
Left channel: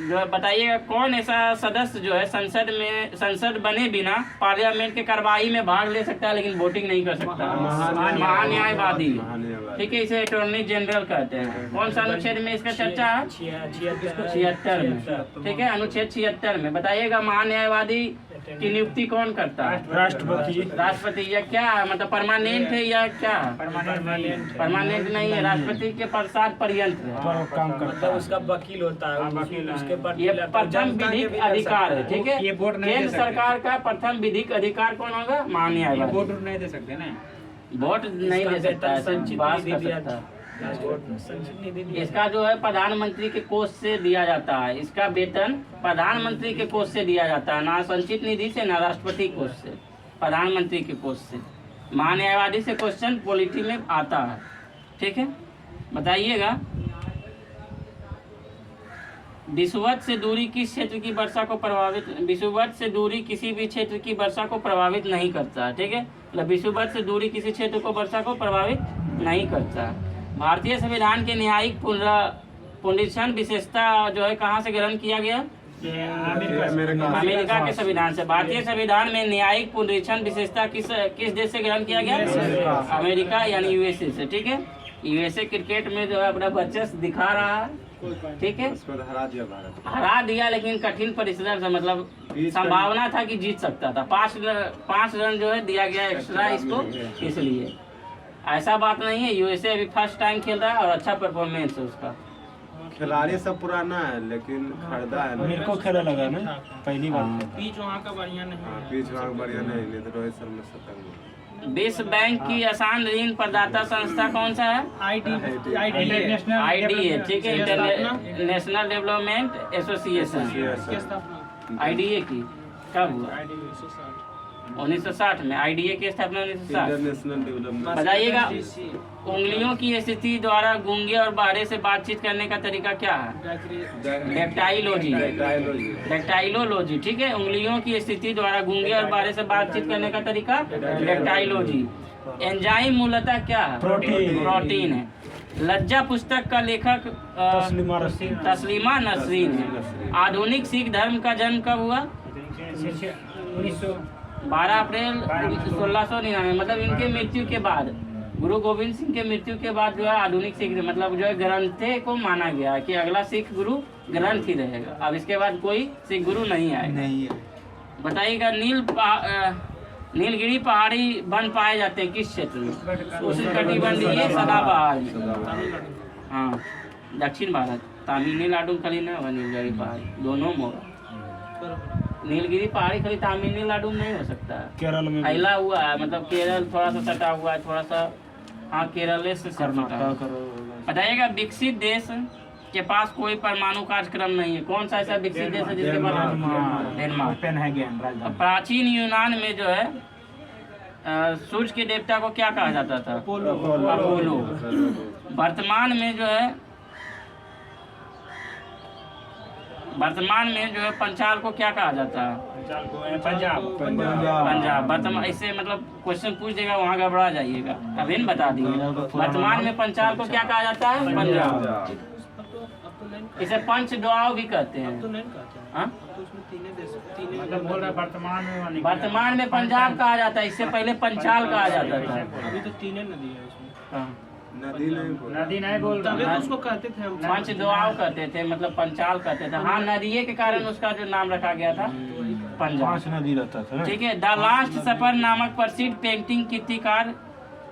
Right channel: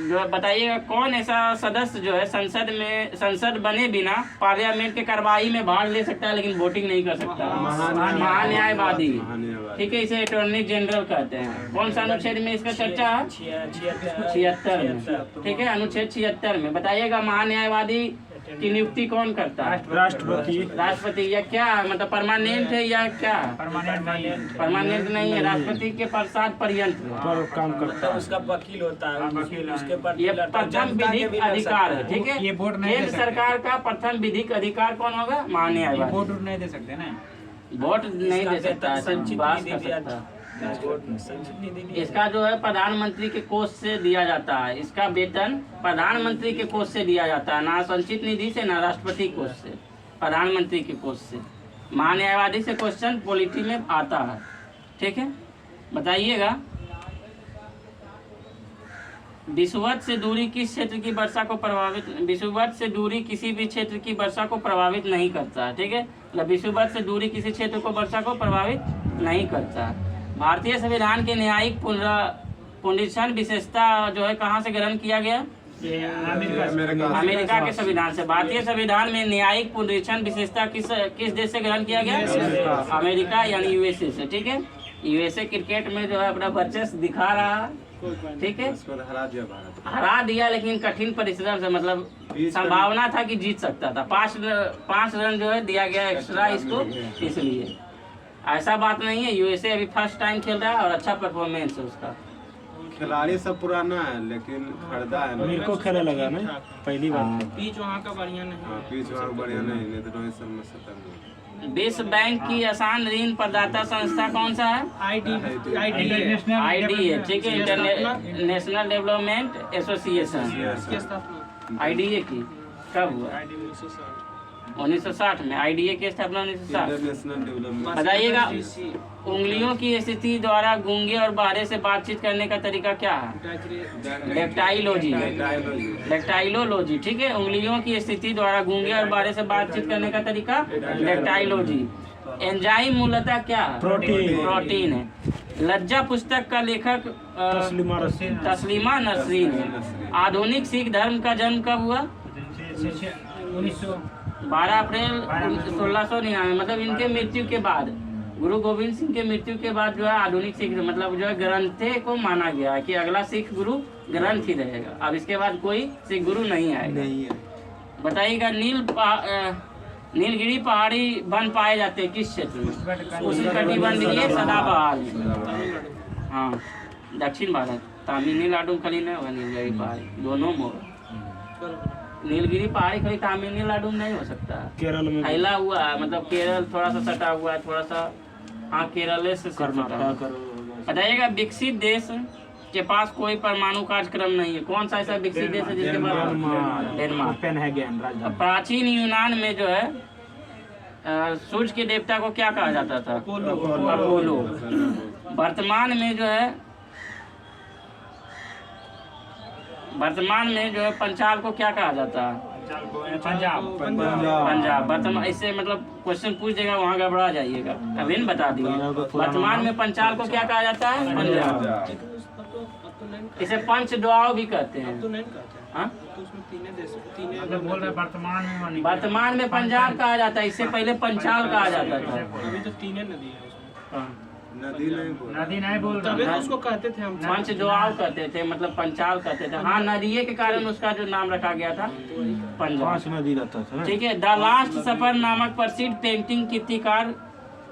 जो बताइएगा कौन ऐसा सदस्य जो है संसद बने बिना पार्लियामेंट के कार्रवाई में भाग ले सकता है लेकिन वोटिंग नहीं कर सकता? महान्यायवादी। ठीक है, इसे अटॉर्नी जनरल कहते हैं। कौन सा अनुच्छेद में इसका चर्चा है? 76 में। ठीक है, अनुच्छेद 76 में। बताइएगा महान्यायवादी की नियुक्ति कौन करता है? राष्ट्रपति। या क्या मतलब परमानेंट है या क्या? परमानेंट नहीं है, राष्ट्रपति के प्रसाद पर्यंत काम करता है। उसका वकील होता है, उसके पर ये प्रथम विधिक अधिकार है। ठीक है, केंद्र सरकार का प्रथम विधिक अधिकार कौन होगा? महान्यायवादी। वोट नहीं दे सकते ना? वोट नहीं दे सकता, पास कर सकता। इसका जो है प्रधानमंत्री के कोष से दिया जाता है। इसका वेतन प्रधानमंत्री के कोष से दिया जाता है, ना संचित निधि से ना राष्ट्रपति कोष से, प्रधानमंत्री के कोष से। महान्यायवादी से क्वेश्चन पॉलिटी में आता है। ठीक है, बताइएगा विषुवत से दूरी किस क्षेत्र की वर्षा को प्रभावित? विषुवत से दूरी किसी भी क्षेत्र की वर्षा को प्रभावित नहीं करता। ठीक है, मतलब विषुवत से दूरी किसी क्षेत्र को वर्षा को प्रभावित नहीं करता। भारतीय संविधान के न्यायिक पुनरीक्षण विशेषता जो है कहाँ से ग्रहण किया गया? अमेरिका के संविधान से। भारतीय संविधान में न्यायिक पुनरीक्षण विशेषता किस देश से ग्रहण किया गया? अमेरिका यानी यूएसए से। ठीक है, यूएसए क्रिकेट में जो है अपना वर्चस्व दिखा रहा है। ठीक है, हरा दिया लेकिन कठिन परिश्रम से, मतलब संभावना था कि जीत सकता था। 5 रन जो है दिया गया एक्स्ट्रा इसको, इसलिए ऐसा बात नहीं है। यूएसए अभी फर्स्ट टाइम खेल रहा है और अच्छा परफॉर्मेंस है उसका। खिलाड़ी सब पुराना है लेकिन खरीदा है। मेरे को खेला लगा ना पहली बार। पिच वहाँ का बढ़िया नहीं है। पिच वहाँ बढ़िया नहीं तो रोहित शर्मा 70 में। विश्व बैंक की आसान ऋण प्रदाता संस्था कौन सा है? आईडीए। ठीक है, इंटरनेशनल डेवलपमेंट एसोसिएशन। इसकी स्थापना आईडीए की कब हुआ? 1960 में। आईडीए की स्थापना 1960। International development. बताइएगा उंगलियों की स्थिति द्वारा गूंगे और बहरे से बातचीत करने का तरीका क्या है? डेक्टाइलोजी। डेक्टाइलोलॉजी। ठीक है, उंगलियों की स्थिति द्वारा गूंगे और बहरे से बातचीत करने का तरीका डेक्टाइलोजी। एंजाइम मूलतः क्या है? प्रोटीन है। लज्जा पुस्तक का लेखक तस्लीमा नसरीन है। आधुनिक सिख धर्म का जन्म कब हुआ? 12 अप्रैल 1699, मतलब इनके मृत्यु के बाद गुरु गोविंद सिंह के मृत्यु के बाद जो है आधुनिक सिख मतलब जो है ग्रंथे को माना गया कि अगला सिख गुरु ग्रंथ ही रहेगा। अब इसके बाद कोई सिख गुरु नहीं आएगा। नहीं है। बताइएगा नीलगिरी पहाड़ी वन पाए जाते हैं किस क्षेत्र में? उष्णकटिबंधीय सदाबहार में। तमिलनाडु। हाँ, दक्षिण भारत। तमिलनाडु खाली नहीं होगा नीलगिरी पहाड़ी, दोनों में होगा। नीलगिरी पहाड़ी खाली तमिलनाडु में नहीं हो सकता, केरल में फैला हुआ है, मतलब केरल थोड़ा सा सटा हुआ है, थोड़ा सा। हाँ, केरल से सटा हुआ है। बताइएगा विकसित देश के पास कोई परमाणु कार्यक्रम नहीं है, कौन सा ऐसा विकसित देश है जिसके पास? डेनमार्क। प्राचीन यूनान में जो है सूर्य के देवता को क्या कहा जाता था? अपोलो। वर्तमान में जो है पंचाल को क्या कहा जाता है? पंजाब। वर्तमान इससे मतलब क्वेश्चन पूछ देगा, वहाँ घबरा जाइएगा, अभी नहीं बता दिए। वर्तमान में पंचाल को क्या कहा जाता है? पंजाब। इसे पंच डुआओ भी कहते हैं। तो नहीं कहते हैं। हाँ? तो उसमें तीन अगर बोल रहे वर्तमान में पंजाब कहा जाता है, इससे पहले पंचाल कहा जाता था। अभी तो तीन नदी है इसमें। हाँ। नदी नहीं बोल तभी रहा। तो उसको कहते थे हम पंच डुआओ कहते थे, मतलब पंचाल कहते थे। हाँ, नदिये के कारण उसका जो नाम रखा गया था पंजाब। नदी रहता था। ठीक है। द लास्ट सफर नामक प्रसिद्ध पेंटिंग कीर्तिकार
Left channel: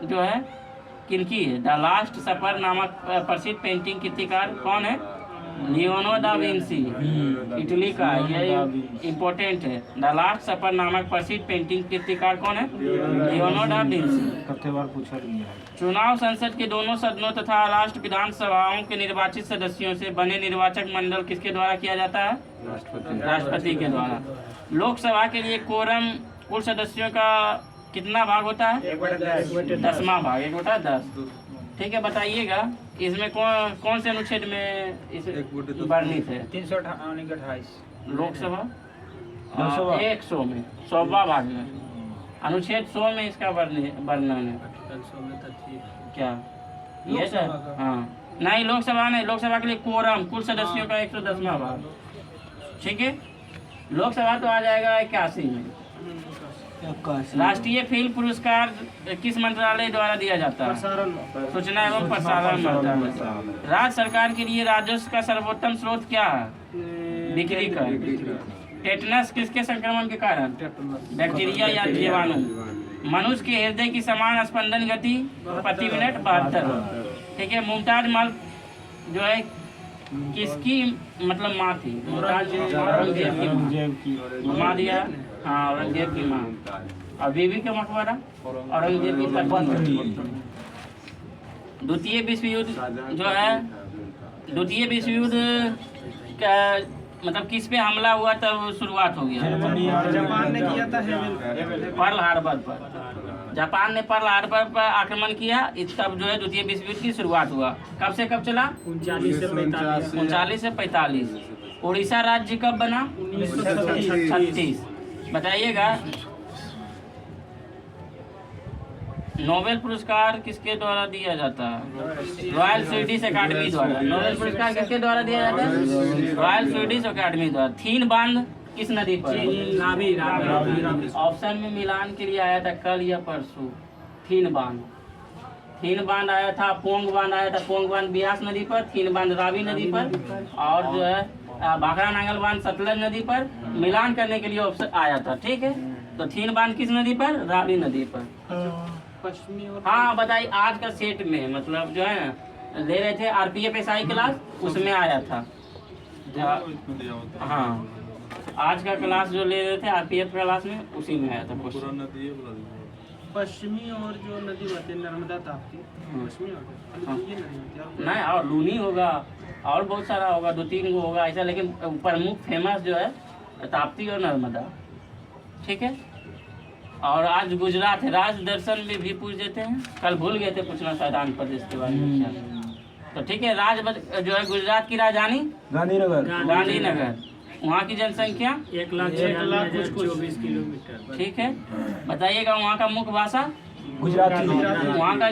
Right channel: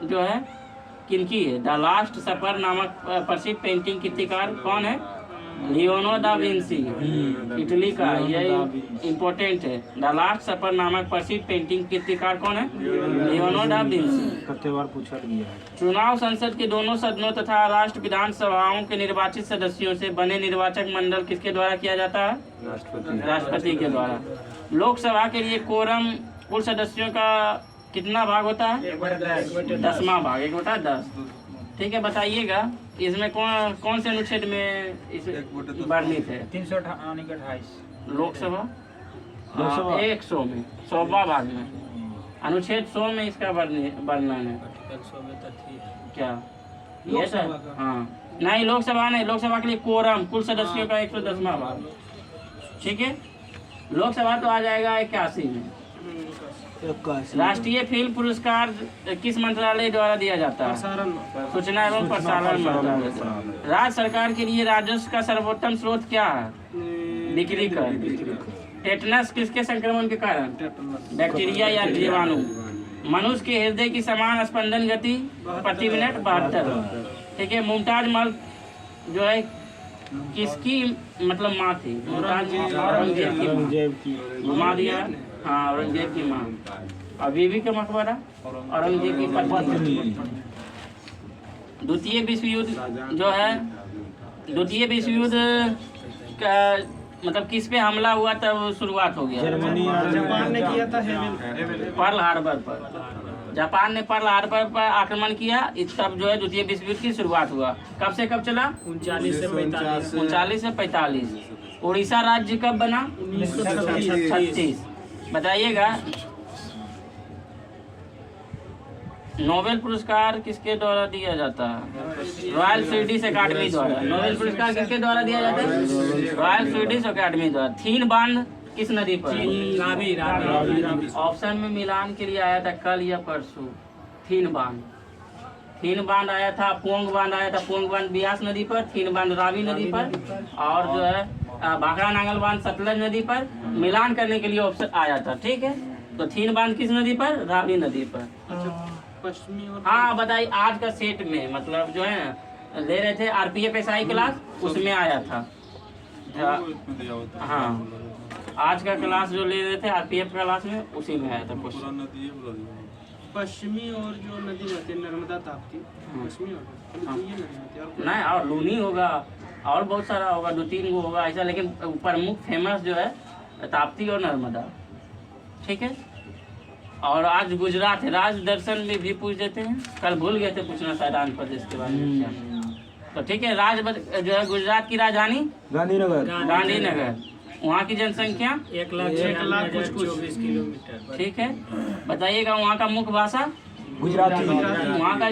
जो है किनकी है? द लास्ट सफर नामक प्रसिद्ध पेंटिंग कीर्तिकार कौन है? लियोनो दा विंसी, इटली का। ये इम्पोर्टेंट है। द लास्ट सफर नामक प्रसिद्ध पेंटिंग कीर्तिकार कौन है? Leonardo da Vinci. कितने बार पूछा गया। चुनाव संसद के दोनों सदनों तथा राष्ट्र विधानसभाओं के निर्वाचित सदस्यों से बने निर्वाचक मंडल किसके द्वारा किया जाता है? राष्ट्रपति के द्वारा। लोकसभा के लिए कोरम कुल सदस्यों का कितना भाग होता है? 10वां भाग, 1/10। ठीक है। बताइएगा इसमें कौन से अनुच्छेद में इस वर्णित है? 328 लोकसभा 100 में 100वां भाग में अनुच्छेद 100 में इसका वर्णन है। क्या ये सर? हाँ, नहीं लोकसभा नहीं, लोकसभा के लिए कोरम कुल सदस्यों का 110वां भाग। ठीक है। लोकसभा तो आ जाएगा 81 में। राष्ट्रीय फिल्म पुरस्कार किस मंत्रालय द्वारा दिया जाता है? सूचना एवं प्रसारण मंत्रालय। राज्य सरकार के लिए राजस्व का सर्वोत्तम स्रोत क्या है? बिक्री कर। टेटनस किसके संक्रमण के कारण? बैक्टीरिया या जीवाणु। मनुष्य के हृदय की समान स्पंदन गति प्रति मिनट 72। ठीक है। मुमताज महल जो है किसकी मतलब माँ थी? औरंगजेब की माँ दिया। हाँ, औरंगजेब की माँ। और बीबी का मकबरा औरंगजेब की पत्नी। द्वितीय विश्व युद्ध जो है, द्वितीय विश्व युद्ध का मतलब किस पे हमला हुआ तब शुरुआत हो गया? जापान ने किया था पर्ल हार्बर पर। जापान ने पर्ल हार्बर पर आक्रमण किया, तब जो है द्वितीय विश्व युद्ध की शुरुआत हुआ। कब से कब चला? 39 से 45। उड़ीसा राज्य कब बना? 1936। बताइएगा नोबेल पुरस्कार किसके द्वारा दिया जाता है? रॉयल स्वीडिश अकेडमी द्वारा। नोबेल पुरस्कार किसके द्वारा दिया जाता है? रॉयल स्वीडिश अकेडमी द्वारा। थीन बांध किस नदी पर? ऑप्शन में मिलान के लिए आया था कल या परसों। थीन बांध आया था। पोंग बांध आया था। पोंग बांध ब्यास नदी पर, थीन बांध रावी नदी पर, और जो है भाखड़ा नांगल बांध सतलज नदी पर। मिलान करने के लिए ऑप्शन आया था। ठीक है। तो थीन बांध किस नदी पर? रावी नदी पर। पश्चिमी और हाँ, बताइए आज का सेट में मतलब जो है ले रहे थे RPF SI क्लास, उसमें आया था। हाँ, आज का क्लास जो ले रहे थे RPF क्लास में, उसी में आया था क्वेश्चन। पश्चिमी और जो नदी बहती है नर्मदा ताप्ती, पश्चिमी और ये नदी बहती है और नहीं, और लूनी होगा और बहुत सारा होगा, 2-3 गो होगा ऐसा, लेकिन प्रमुख फेमस जो है ताप्ती और नर्मदा। ठीक है। और आज गुजरात है। राज दर्शन में भी पूछ देते हैं, कल भूल गए थे पूछना शायद आंध्र प्रदेश के बारे में। तो ठीक है। जो है गुजरात की राजधानी गांधीनगर। वहाँ की जनसंख्या 1,24,000 किलोमीटर। ठीक है। बताइएगा वहाँ का मुख्य भाषा गुजराती। वहाँ का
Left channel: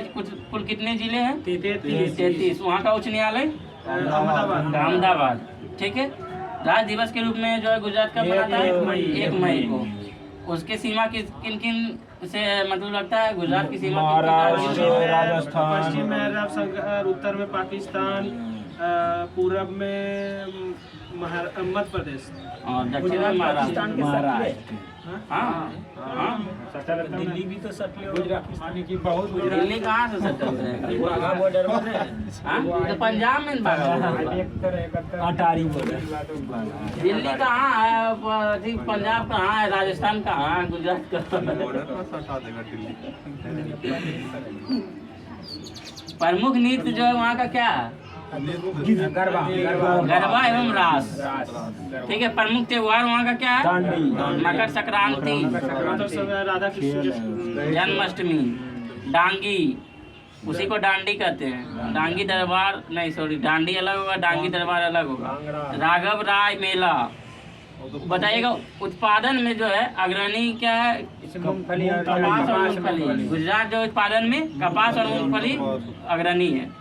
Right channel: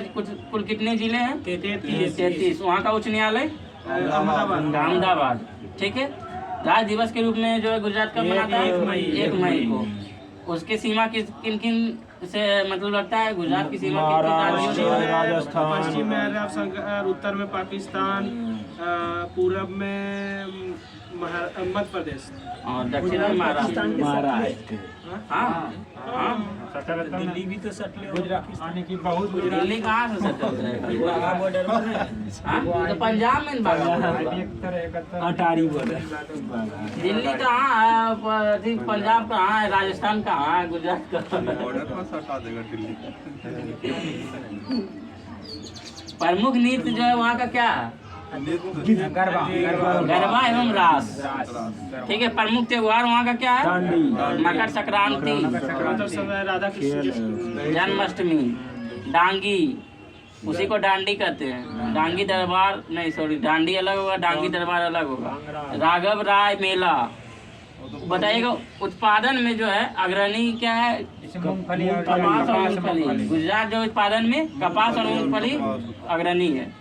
कुल कितने जिले हैं? 33। वहाँ का उच्च न्यायालय अहमदाबाद। ठीक है। राज्य दिवस के रूप में जो है गुजरात का मनाता है 1 मई को। उसके सीमा किन किन से मतलब लगता है गुजरात की सीमा महाराष्ट्र, कितनी पश्चिम में राजस्थान। पश्चिम में अरब, उत्तर में पाकिस्तान, पूरब में मध्य प्रदेश और दक्षिण में महाराष्ट्र। महाराष्ट्र हाँ हाँ दिल्ली भी तो सटले गुजरात आने की बहुत गुजरात दिल्ली कहाँ से सटल रहेगा? बॉर्डर में हाँ तो पंजाब में भागा हुआ है। 71 अटारी बॉर्डर। दिल्ली कहाँ है, अथी पंजाब कहाँ है, राजस्थान कहाँ है, गुजरात कहाँ है? बॉर्डर पर से हटा देगा दिल्ली। प्रमुख नृत्य जो है वहाँ का क्या है? गरबा गरबा एवं रास। ठीक है। प्रमुख त्योहार वहाँ का क्या है? डांडी। मकर संक्रांति, मतलब सब राधा कृष्ण जन्माष्टमी, डांगी, उसी को डांडी कहते हैं। डांगी दरबार नहीं, सॉरी, डांडी अलग होगा, डांगी दरबार अलग होगा। राघव राय मेला। बताइएगा उत्पादन में जो है अग्रणी क्या है? मूंगफली और कपास और मूंगफली। गुजरात जो उत्पादन में कपास और मूंगफली अग्रणी है।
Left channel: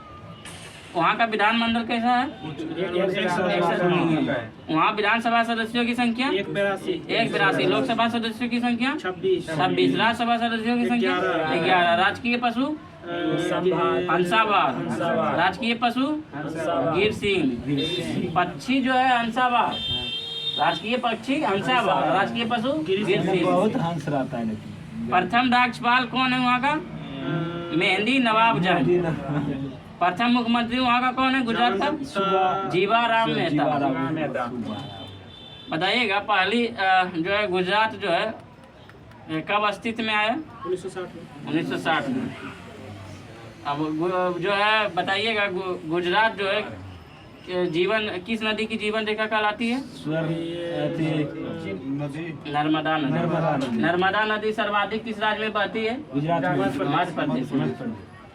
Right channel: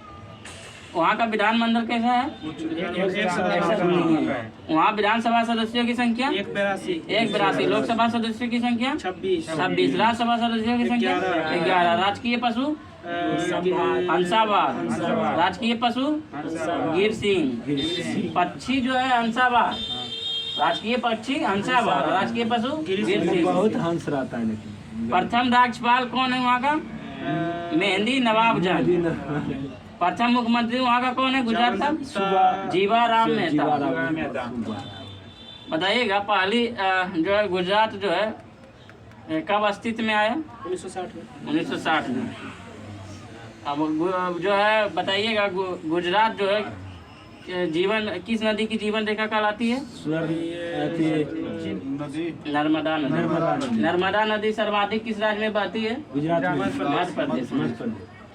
वहाँ का विधानमंडल कैसा है? 162। वहाँ विधानसभा सदस्यों की संख्या 182। लोकसभा सदस्यों की संख्या 26। राज्यसभा सदस्यों की संख्या 11। राजकीय पशु हंसाबाद। राजकीय पशु गिर सिंह। पक्षी जो है हंसाबाद। राजकीय पक्षी हंसाबाद। राजकीय पशु गिर सिंह। बहुत हंस रहता है लेकिन। प्रथम राज्यपाल कौन है वहाँ का? मेहंदी नवाब जंग। प्रथम मुख्यमंत्री वहाँ का कौन है गुजरात का? जीवाराम मेहता। बताइएगा पहली जो है गुजरात जो है कब अस्तित्व में आया? 1960 में। अब जो है बताइएगा गुजरात जो है जीवन किस नदी की जीवन रेखा कहलाती है? नर्मदा नदी। नर्मदा नदी सर्वाधिक किस राज्य में बहती है? गुजरात मध्य प्रदेश में।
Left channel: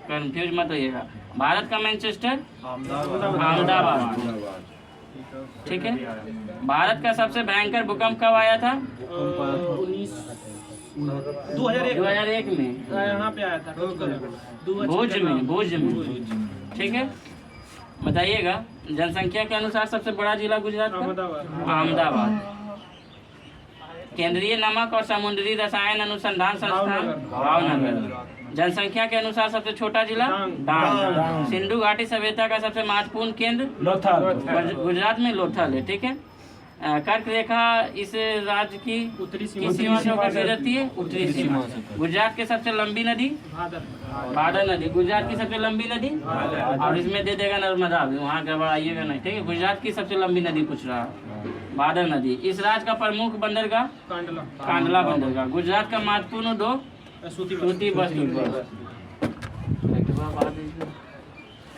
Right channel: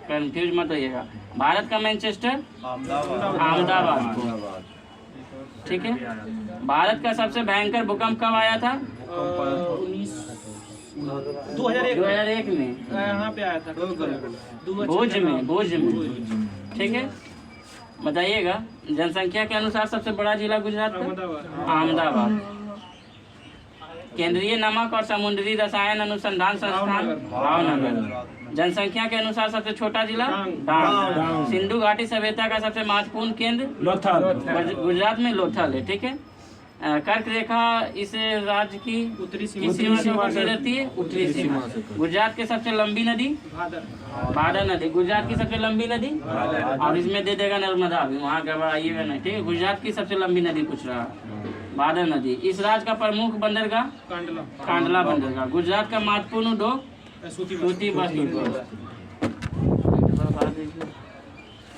कंफ्यूज मत होइएगा। भारत का मैनचेस्टर अहमदाबाद। ठीक है। भारत का सबसे भयंकर भूकंप कब आया था? 2001 में। यहाँ पे आया था भुज में। ठीक है। बताइएगा जनसंख्या के अनुसार सबसे बड़ा जिला गुजरात का? अहमदाबाद। केंद्रीय नमक और समुद्री रसायन अनुसंधान संस्थान भावनगर। जनसंख्या के अनुसार सबसे छोटा जिला डांग। सिंधु घाटी सभ्यता का सबसे महत्वपूर्ण केंद्र लोथल। गुजरात में लोथल है। ठीक है। कर्क रेखा इस राज्य की उत्तरी सीमा से होकर गुजरती है? उत्तरी सीमा। गुजरात की सबसे लंबी नदी भादर नदी। गुजरात की सबसे लंबी नदी, और इसमें दे देगा नर्मदा भी, वहाँ गड़बड़ाइएगा नहीं। ठीक है। गुजरात की सबसे लंबी नदी पूछ रहा है भादर नदी। इस राज्य का प्रमुख बंदरगाह कांडला बंदरगाह। गुजरात का महत्वपूर्ण उद्योग सूती वस्त्र उद्योग।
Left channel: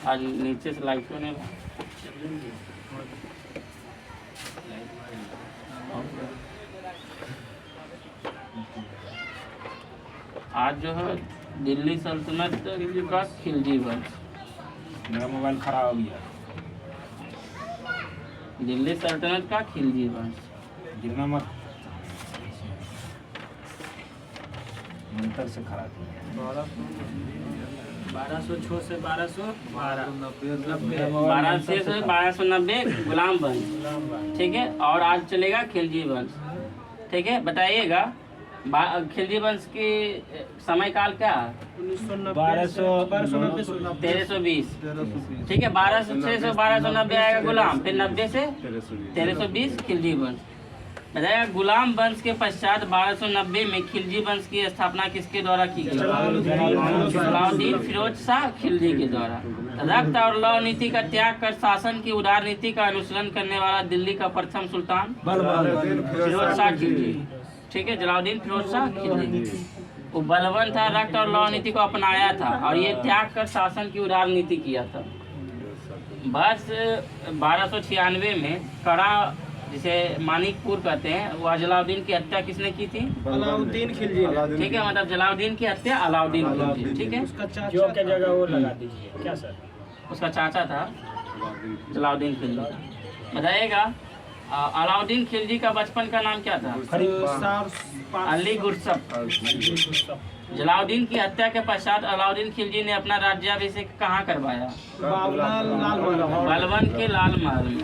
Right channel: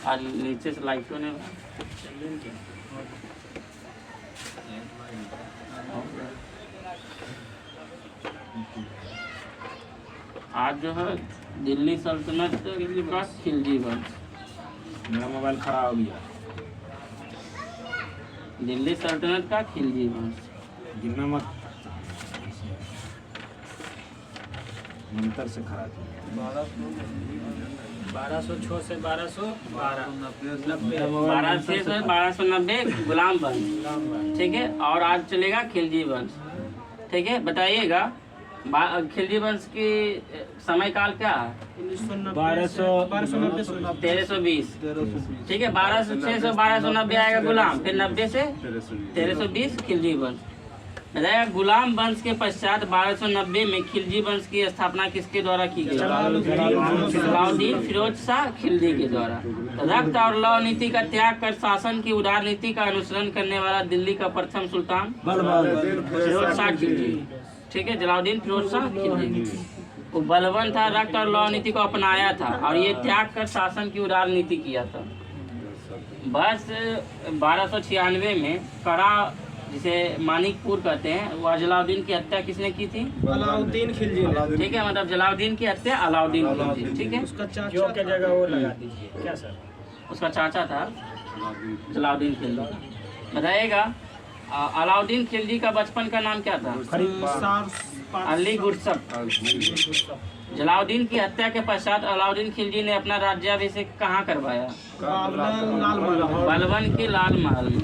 आज नीचे से लाइट होने आज जो है दिल्ली सल्तनत का खिलजी वंश। मेरा मोबाइल खराब हो गया। दिल्ली सल्तनत का खिलजी वंश। गिरना मत, मंत्र से खराब हो गया। 1206 से 1212। 1200 से 1290 गुलाम वंश। ठीक है। और आज चलेगा खिलजी वंश। ठीक है। बताइएगा खिलजी वंश की समय काल क्या है? 1320। ठीक है। 1206 से 1290 आएगा गुलाम, फिर 90 से 1320 खिलजी वंश। बताइएगा गुलाम वंश के पश्चात 1290 में खिलजी वंश की स्थापना किसके द्वारा की गई? जलालुद्दीन फिरोज शाह खिलजी के द्वारा। रक्त और लौ नीति का त्याग कर शासन की उदार नीति का अनुसरण करने वाला दिल्ली का प्रथम सुल्तान फिरोज शाह खिलजी। ठीक है। जलालुद्दीन फिरोज शाह खिलजी वो बलवान था, रक्त और लौ नीति को अपनाया था और ये त्याग कर शासन की उदार नीति किया था। बस 1296 में कड़ा जिसे मानिकपुर कहते हैं, वह जलालुद्दीन की हत्या किसने की थी? अलाउद्दीन खिलजी ने। ठीक है। मतलब जलालुद्दीन की हत्या अलाउद्दीन खिलजी। ठीक है। उसका जो क्या जगह वो लगा दीजिए क्या सर? उसका चाचा था जलालुद्दीन खिलजी। बताइएगा अलाउद्दीन खिलजी का बचपन का नाम क्या था? अली गुरसप। जलालुद्दीन की हत्या के पश्चात अलाउद्दीन खिलजी ने अपना राज्याभिषेक कहाँ करवाया? बलवन के लाल महल में।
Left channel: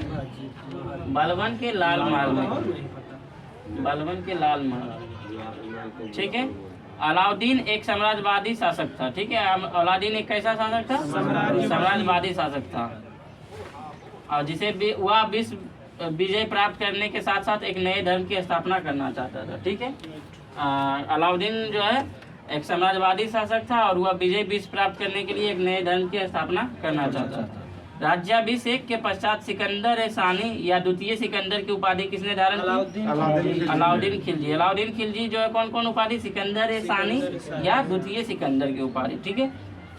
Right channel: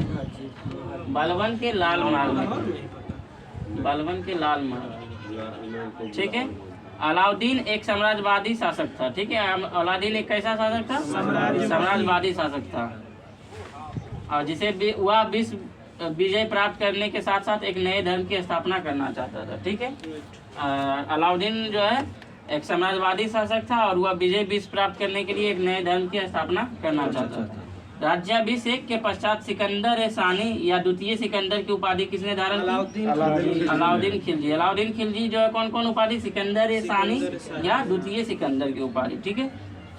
बलवन के लाल महल में। बलवन के लाल महल। ठीक है। अलाउद्दीन एक साम्राज्यवादी शासक था, ठीक है। अलाउद्दीन एक कैसा शासक था? साम्राज्यवादी शासक था, और जिसे वह विश्व विजय प्राप्त करने के साथ साथ एक नए धर्म की स्थापना करना चाहता था, ठीक है। अलाउद्दीन जो है एक साम्राज्यवादी शासक था और वह विजय विश्व प्राप्त करने के लिए एक नए धर्म की स्थापना करना चाहता था। राज्याभिषेक के पश्चात सिकंदर सानी या द्वितीय सिकंदर की उपाधि किसने धारण की? अलाउद्दीन खिलजी। अलाउद्दीन खिलजी जो है कौन कौन उपाधि? सिकंदर सानी या द्वितीय सिकंदर की उपाधि, ठीक है।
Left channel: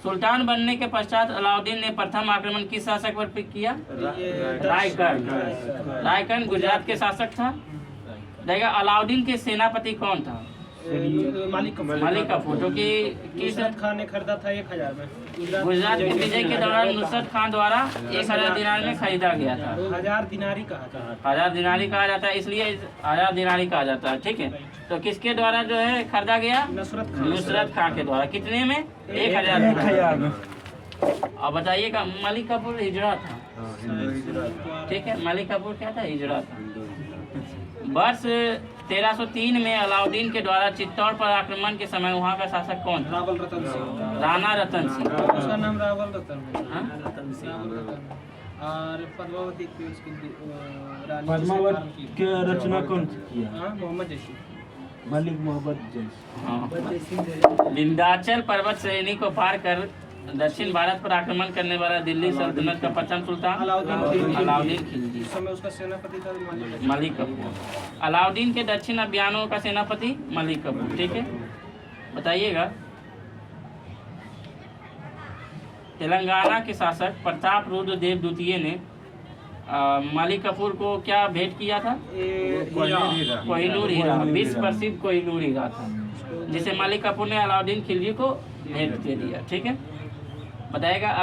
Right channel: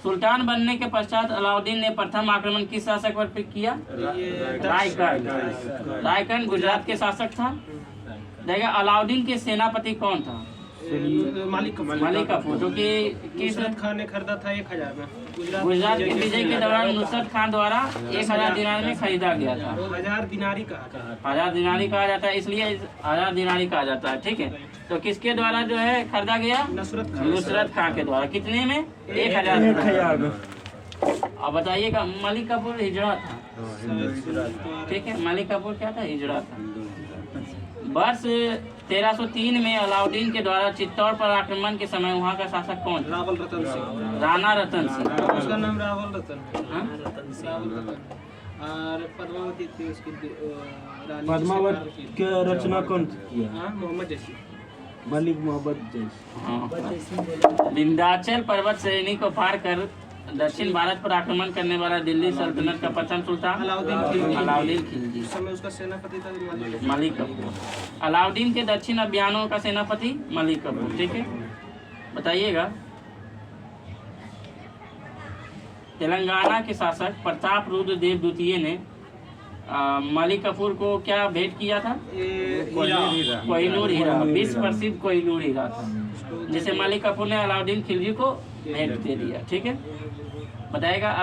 सुल्तान बनने के पश्चात अलाउद्दीन ने प्रथम आक्रमण किस शासक पर किया? रायकन गुजरात के शासक था। देखा अलाउद्दीन के सेनापति कौन था? मालिक कफूर, जो कि नुसरत खान ने खरीदा था 1000 में। गुजरात के विजय के दौरान नुसरत खान द्वारा 1000 दिनार में खरीदा गया था। 1000 दिनारी कहा था। 1000 दिनारी कहा जाता है, इसलिए 1000 दिनारी कहा जाता है, ठीक है। तो किसके द्वारा जो है खरीदा गया? नुसरत खान के द्वारा। कितने में? 1000। अब बताइएगा, मलिक कफूर हिजड़ा था, ठीक है। मलिक कफूर क्या था? हिजड़ा था। वर्ष 1303 में अलाउद्दीन के द्वारा चित्तौड़ पर आक्रमण के समय वहाँ का शासक कौन था? रावल रतन सिंह। राणा रतन सिंह। उसका नाम रावल रतन है। हाँ? रावल रतन है। और पद्मावती थी उसकी रानी। पद्मावत के रचना कौन किया? हाँ, मोहम्मद जैसी। मलिक मोहम्मद जैसी। हाँ। विंध्याचल पर्वत श्रेणी को पार कर दक्षिण भारत पर आक्रमण करने वाला दिल्ली सल्तनत का प्रथम सुल्तान अलाउद्दीन खिलजी। उस समय उसका सेनापति था मलिक कफूर। अलाउद्दीन के दक्षिण अभियानों का सेनापति मलिक कफूर, ठीक है। बताइएगा, तेलंगाना के शासक प्रताप रुद्र देव द्वितीय ने मलिक कफूर को क्या भेंट किया था? कोहिनूर हीरा, विश्व प्रसिद्ध कोहिनूर हीरा था, जिसे मलिक कफूर ने अलाउद्दीन खिलजी को भेंट दे दिया, ठीक है। बताएगा